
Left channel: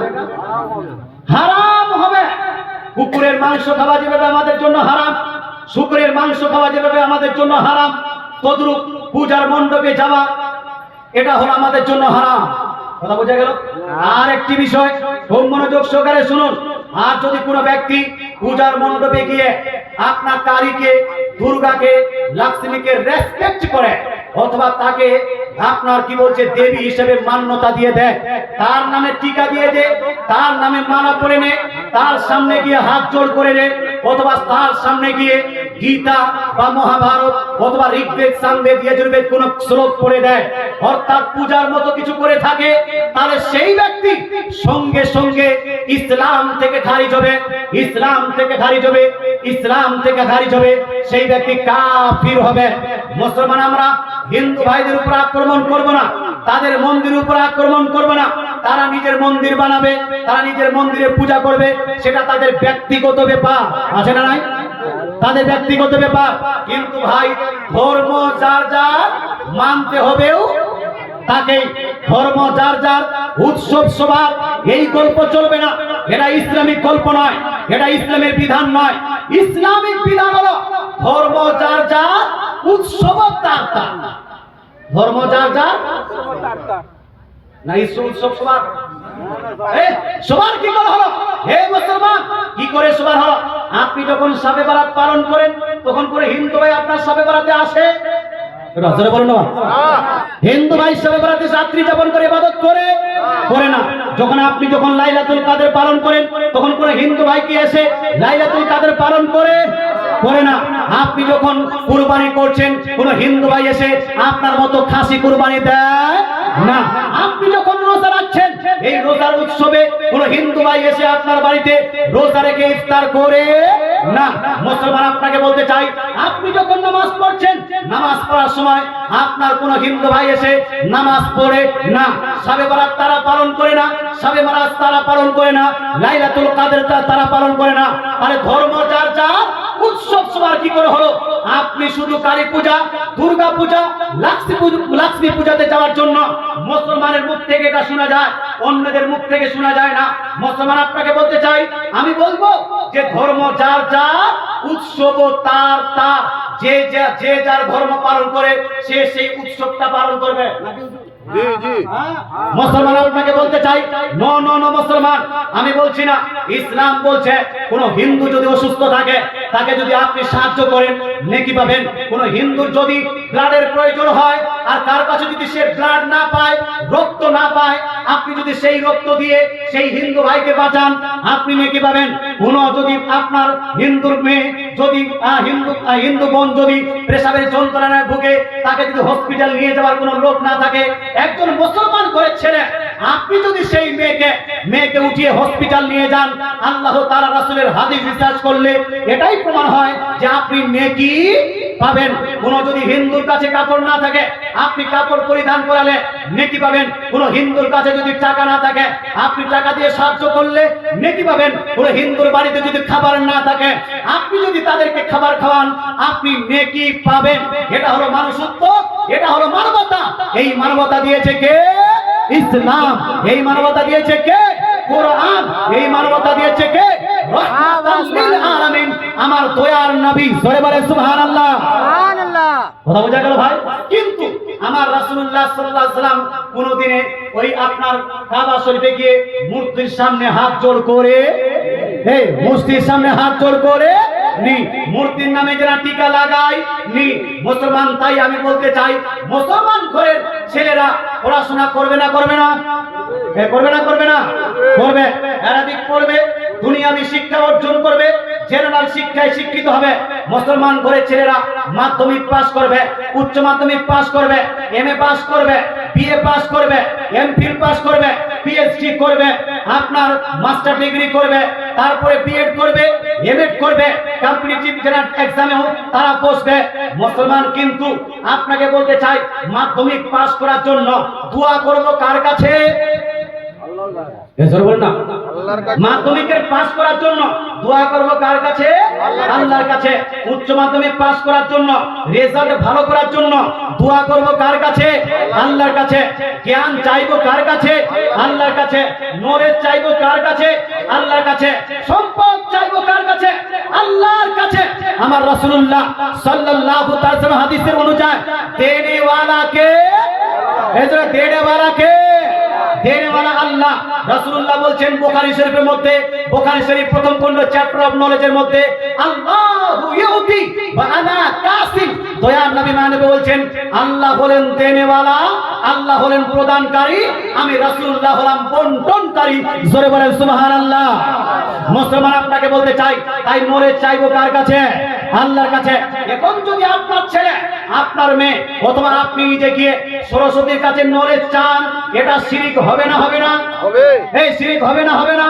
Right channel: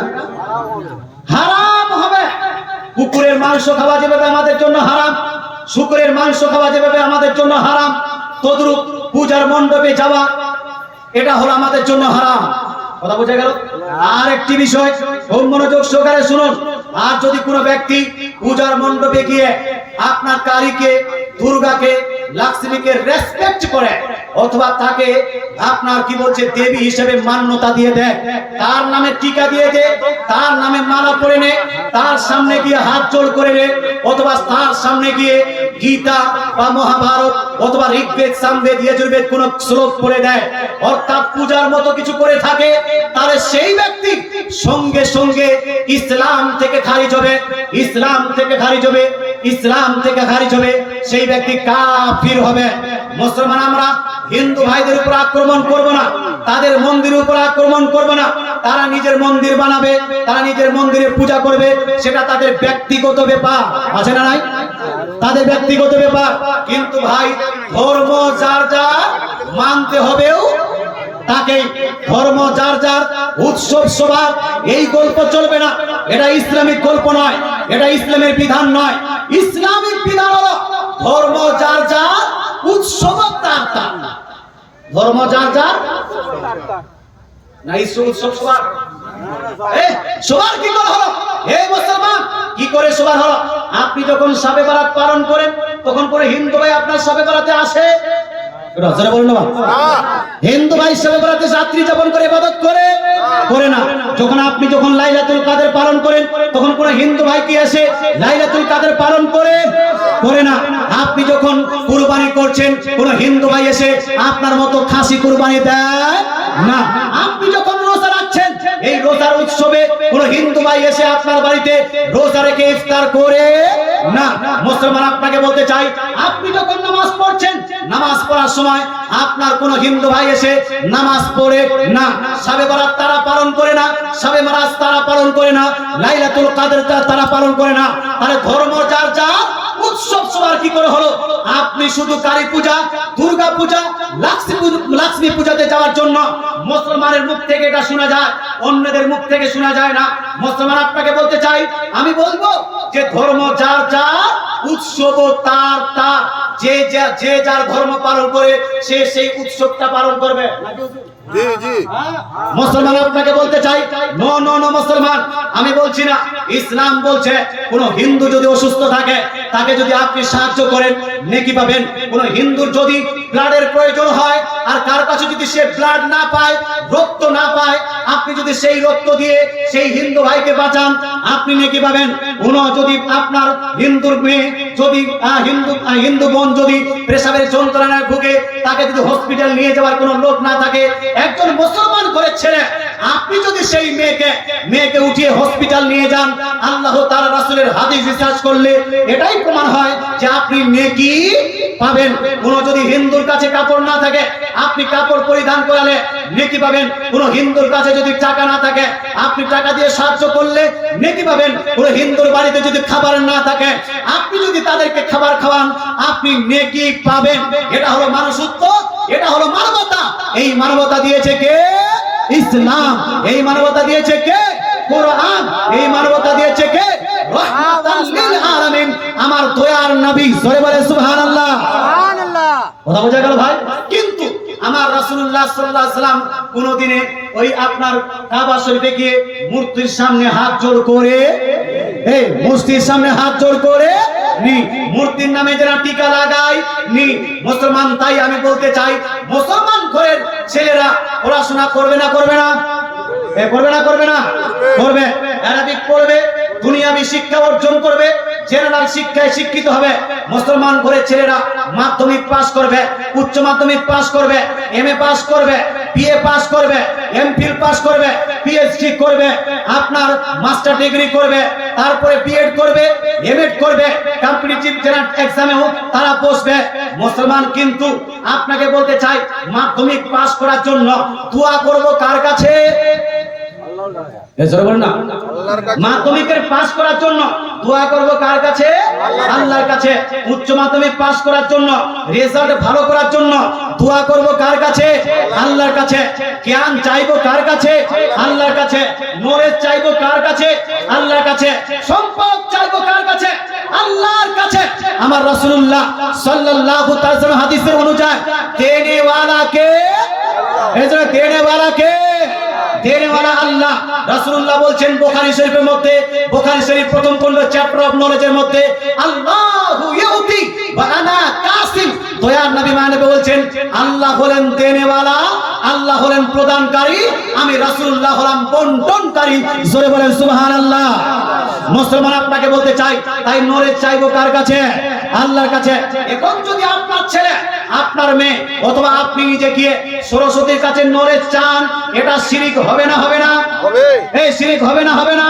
হারাম হবে। কুকুরের মাংস খাওয়া যেভাবে আমাদের জন্য হারাম, শুকরের মাংস খাওয়া যেভাবে আমাদের জন্য হারাম, তদ্রূপ পূজার মণ্ডপে যাওয়া এটা হলো আমাদের জন্য হারাম। কথা বোঝা গেল? আর একটি বিষয় খুব মনোযোগ সহকারে শুনুন। আর যদি কোনো ব্যক্তি পূজার মণ্ডপে গিয়ে আপনার কালীকে, দুর্গাকে, লক্ষ্মীকে রেসপেক্ট করে, অথবা তাকে আপনার কি বলছে দেবী হিসেবে মান্যতা দিয়ে দেয়, তার নামে টিকা দিয়ে দেয়, তার নামে মালা পরে নেয়, তার সামনে গিয়ে হাত জোড় করে নেয়, অথবা তার সামনে গিয়ে গীতা বা মহাভারত অথবা ঋগ্বেদ, সামবেদ, যজুর্বেদ কোন শ্লোক পড়ে দেয়, অর্থাৎ পূজার মতো কিছু করে থাকে, তাহলে সেই ব্যক্তি সঙ্গে সঙ্গে ইসলাম থেকে খারিজ হবে, সেই ব্যক্তি কাফির হবে। মুসলমান আমরা হিন্দু ভাইদের উপর আক্রমণ করব না, তাদের মন্দিরের উপর আক্রমণ করব না। তারা নিজের মন্দির বানাবে, তারা নিজের মন্দিরে পূজা করবে, সেটা তাদের ব্যক্তিগত ব্যাপার, আছে না নাই? তাদের ব্যক্তিগত ব্যাপার। কিন্তু ভাই ধর্ম যার যার মানতে হবেও তাকে ধর্ম যার যার উৎসব সবার এই গল্প চলবে না। এটা ইসলামিক গল্প নয়, এটা ইসলামের বিধান নয়। ইসলামিক বিধান হলো ধর্ম যার যার উৎসব তার তার। ধর্ম যার যার না উৎসব সবার। সবার কি করে হলো? হে মুসলমান, কি করে সবার হলো? আপনি যখন শবে বরাত পালন করেন তখন করে হিন্দু ভাই আপনার শবে বরাতে আসে? রাজরে বলেন না, হিন্দু ভাই শবে বরাতে রাত্রি যাপন করে ইবাদত করে করে না। যখন লাইলাতুল কদর পালন করেন তখন করে হিন্দু ভাই কি আসে লাইলাতুল কদর পালন করে করে না। আপনি যখন কুরবানি করছেন কোন হিন্দু ভাই এসে আপনার মতো খাসি কুরবানি দেয় না। আপনি যখন রোজা রাখছেন এই রোজার উৎসবে কোন হিন্দু ভাই এসে আপনার বাড়িতে রোজা রেখে ইফতার করে না। মুসলমান আপনাকে বলতে চাই, আপনি যখন নামাজ পড়ছেন নামাজ পড়ার সময় আপনার কোন হিন্দু ভাই এসে নামাজ পড়ে না। শবে বরাত তারা পালন করে না, শবে মেরাজ তারা পালন করে না, লাইলাতুল কদর তারা পালন করে না। আরে ধর্ম যার যার উৎসব সবার কি করে হলো? আপনি শুধু কালী পূজা, দুর্গা পূজা, লক্ষ্মী পূজাতে যাওয়ার জন্য মুসলমানের মুখ থেকে এটা শোনা যায়, অন্যদের মুখ থেকে শোনা যায় না। মুসলমান আপনাকে বলতে চাই, আমি বলবো যে ধর্ম যার যার উৎসব তার তার। যে যার ধর্ম পালন করে সে সেই উৎসবটা পালন করবে। জি জি মুসলমান আপনাকে বলতে চাই, নো নো নো মুসলমান, আমি বলছি না। ইসলাম বলছে কোন হিন্দু যদি অসুস্থ থাকে তাকে যদি আপনি সাহায্য করেন নেকি পাবেন। কোন হিন্দুর যদি ব্লাডের প্রয়োজন হয় আর তার কাছে যদি সে ব্লাড না পায়, রক্ত না পায়, আপনি যদি সেই রক্ত দিয়ে সেই হিন্দু ভাইকে বাঁচান আপনি নেকি পাবেন। কোন যদি আপনার হিন্দুর মেয়ে যদি হিন্দু বোন যদি পেশাবের যন্ত্রণায় ভুগে তাকে যদি হসপিটাল নিয়ে যাওয়ার কোনো লোক না থাকে, একজন মুসলমান করে ছেলে আপনি যদি সেই মেয়েকে উঠিয়ে হসপিটাল নিয়ে যান, আল্লাহ তাআলা রাসূলের হাদিস রিসার্চ করলে এটাই প্রমাণ হয় যে আপনি নেকি পাবেন। কোন যদি হিন্দুর কাছে কাপড় না থাকে আপনি কাপড় পরিধান করালে নেকি পাবেন। কোন হিন্দুর কাছে যদি টাকা না থাকে আপনি টাকা দিয়ে সাহায্য করলে নেকি পাবেন। কোন হিন্দুর বাড়িতে যদি খাবার না থাকে আপনি যদি তাদেরকে খাবার খাওয়ান আপনি নেকি পাবেন। এটা হলো মানুষত্ব, এটা হলো মানবতা। এই মানবতা দিয়েছে কে? ইসলাম। এই মানবতা দিয়েছে কে? কোরআন। এই মানবতা দিয়েছে কে? রাহমাতাল লিল আলামিন, আমার দয়ার নবী। জোরে বলে সুবহানাল্লাহ। সুবহানাল্লাহ। কথা বোঝা গেল ভাই? কিন্তু আমার রাসূলুল্লাহ সাল্লাল্লাহু আলাইহি সাল্লাম কোনদিনে ওই আপনার কাবা শরীফে গিয়ে মূর্তির সামনে হাত জোড় করে মূর্তির সামনে হাত জোড় করে নি, মূর্তির নামে যারা টিকা লাগায় নি মুসলমান। তাই আমি বলতে চাই, মুসলমান ঘরের ছেলেরা পড়াশোনা করবে না করবে না? করবে না করবে না? করবে। আরবিক পড়বে, দুনিয়াবি শিক্ষা অর্জন করবে, জেনারেল শিক্ষায় শিক্ষিত হবে। মুসলমান ঘরের ছেলেরা মাধ্যমিক পাস করবে, উচ্চ মাধ্যমিক পাস করবে, এমএ পাস করবে, বিএ পাস করবে, এমফিল পাস করবে, পিএইচডি করবে, আপনার মাস্টার ডিগ্রি করবে, তারপরে বিএড করবে, এমএড করবে, কম্পিটিটিভ জেনারেল এক্সামেও তারা বসবে। মুসলমান কিন্তু আপনাকে বলতে চাই, মাধ্যমিক পাস করার জন্য দোয়া করব কার কাছে? মাধ্যমিকের পাস করার জন্য দোয়া করব কার কাছে? আল্লাহর কাছে। উচ্চ মাধ্যমিক পাস করার জন্য, রেজাল্ট ভালো করার জন্য দোয়া করব কার কাছে? আল্লাহর কাছে। জ্ঞান চাইবো কার কাছে? আল্লাহর কাছে। নলেজ চাইবো কার কাছে? আল্লাহর কাছে। সম্পদ চাইবো কার কাছে? আল্লাহর কাছে। আমার রাসূলুল্লাহ সাল্লাল্লাহু তাআলা সাল্লাম হাদিসের অনুযায়ী দেনে ওয়ালা কে? এজন্য দেনে ওয়ালা কে? দেনে ওয়ালা আল্লাহ। রাসূলুল্লাহ বলছেন বুখারী শরীফের মধ্যে, বুখারী শরীফ প্রথম খণ্ড চ্যাপ্টার অফ নলেজের মধ্যে, আল্লাহু ইউতি ওয়া আনা কাসিম। দয়ার নবী মানবে বলছেন আল্লাহ হলেন দেনেওয়ালা, আল্লাহ হলেন প্রদানকারী, আমি রাসূলুল্লাহ হলাম বন্টনকারী। জোরে বলেন সুবহানাল্লাহ। মুসলমান আপনাকে বলতে চাই, তাই নলেজ চাইবো কার কাছে? আল্লাহর কাছে। এখন যদি আপনার ছেলে, আপনার মেয়ে অথবা আপনি নিজে গিয়ে সরস্বতীর কাছে নলেজ চান, এটা শিরক হবে না হবে না? হবে। এই শিরক হবে না হবে না?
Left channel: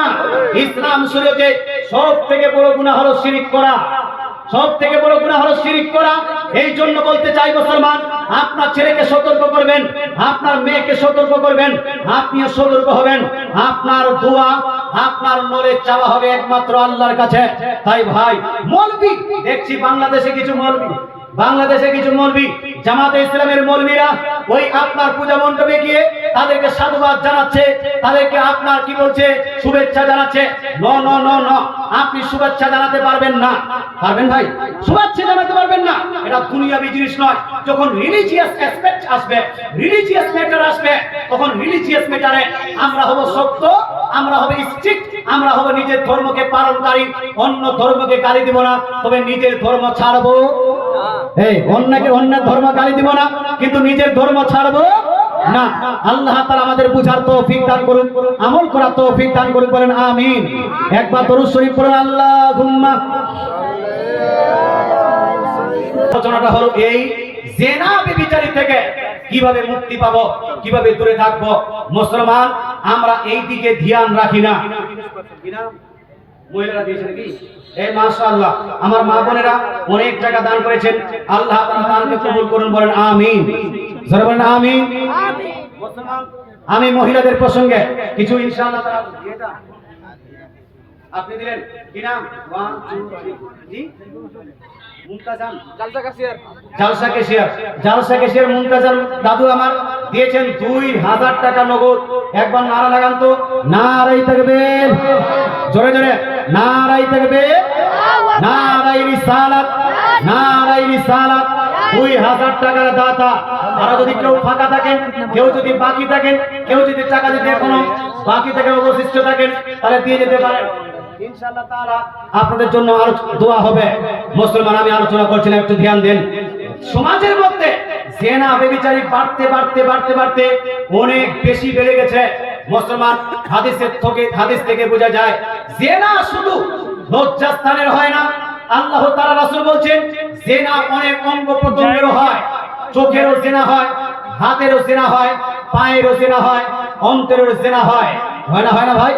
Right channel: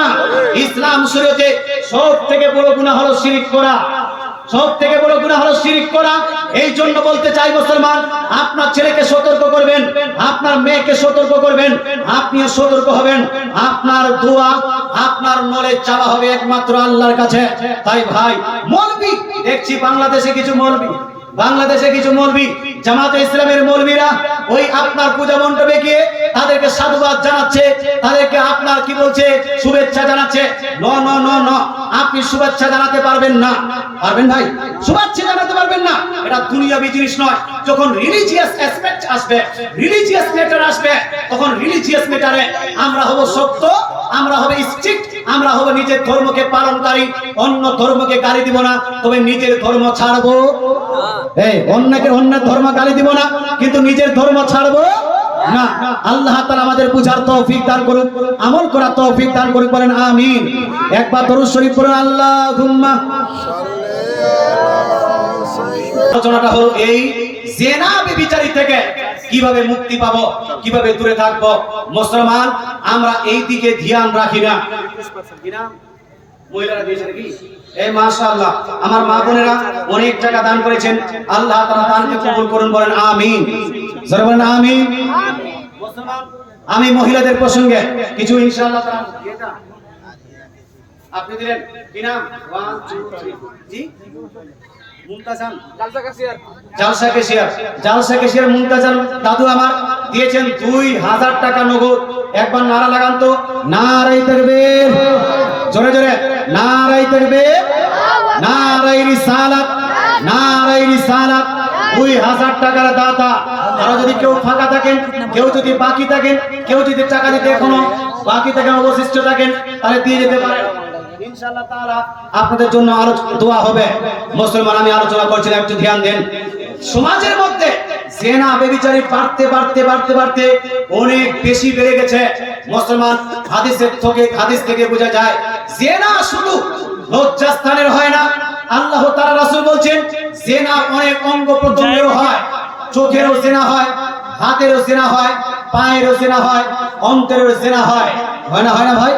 ইসলাম শরীয়তে সব থেকে বড় গুনাহ হলো শিরক করা। সব থেকে বড় গুনাহ হলো শিরক করা। এই জন্য বলতে চাই মুসলমান, আপনার ছেলেকে সতর্ক করবেন, আপনার মেয়েকে সতর্ক করবেন, আপনিও সতর্ক হবেন। আপনার দোয়া, আপনার নলেজ চাওয়া হবে একমাত্র আল্লাহর কাছে। তাই ভাই, মৌলবি দেখছি বাংলাদেশে কিছু মৌলবি জামাতে ইসলামের মৌলবীরা ওই আপনার পূজা মণ্ডপে গিয়ে তাদেরকে সাধুবাদ জানাচ্ছে, তাদেরকে আপনার কি বলছে শুভেচ্ছা জানাচ্ছে। ন ন ন ন, আপনি শুভেচ্ছা জানাতে পারবেন না। পারবেন ভাই? শুভেচ্ছা জানাতে পারবেন না। এটা দুনিয়াবি জিনিস নয়। যখন রিলিজিয়াস অ্যাসপেক্ট আসবে, রিলিজিয়াস ম্যাটার আসবে, তখন রিলিজিয়াস ম্যাটারে আমরা হব শক্ত, আমরা হব স্ট্রিক্ট, আমরা হব নিজের ধর্মকে পালনকারী, অন্য ধর্মকে গালি দিব না, তবে নিজের ধর্ম ছাড়বো। এই অন্য ধর্ম গালি দিব না, কিন্তু নিজের ধর্ম ছাড়বো না। আল্লাহ তাআলা আমাদের বুঝার তৌফিক দান করুন, আমল করার তৌফিক দান করুন, বলেন আমিন। একবার দরুদ শরীফ পড়ুন, আল্লাহুম্মা। আলোচনাটা হলো এই জেনা ব্যভিচারী থেকে কিভাবে মুক্তি পাবো, কিভাবে দূরে থাকবো। মুসলমান আমরা এই দিকে ধ্যান রাখি না। কি নাম মহিলারা দিয়েছে নাকি? এই মাশাআল্লাহ, আমার মা বোনেরা অনেক টাকা দান করেছেন, আল্লাহ তাআলা দানকে কবুল করুন, বলেন আমিন। জোরে বলেন আমিন। মুসলমান আমি মহিলাদের প্রসঙ্গে কিছু ইনশাআল্লাহ তাআলা এটা আপনি দিলেন। কি নাম? 1 2 3 জি মুমতাজান জালসা কেশিয়ার মুমতাজান দাদু আমার দিয়েছেন 2000 টাকা নগদ। একবার নারা লাগান তো, নারাই তাকবীর, জোরে জোরে নারাই তাকবীর, নারাই রিসালাত, নারাই রিসালাত। 2000 টাকার দাতা। আর যদি কেউ ফাঁকা থাকেন, কেউ যদি বাকি থাকেন, কেউ যদি টাকা দিতে এখনো বাকি থাকেন, অবশিষ্ট থাকেন, তাহলে দিয়ে যেতে পারেন। ইনশাআল্লাহ তাআলা আপনাদের জন্য আরো দোয়া হবে। মুসলমান আমি আলোচনা করছিলাম, একটু ধ্যান দেন। সমাজের মধ্যে জেনা ব্যভিচারী বাড়তে অনেক বেশি বেড়ে গেছে। মুসলমান হাদিস থেকে বোঝা যায় জেনা শুধু লজ্জাস্থানের হয় না, আল্লাহ তাআলা রাসূল বলছেন জেনা অনেক অঙ্গ প্রত্যঙ্গেরও হয়। চোখেরও জেনা হয়, হাতেরও জেনা হয়, পায়েরও জেনা হয়, অন্তরেরও জেনা হয়। হয় না ভাই?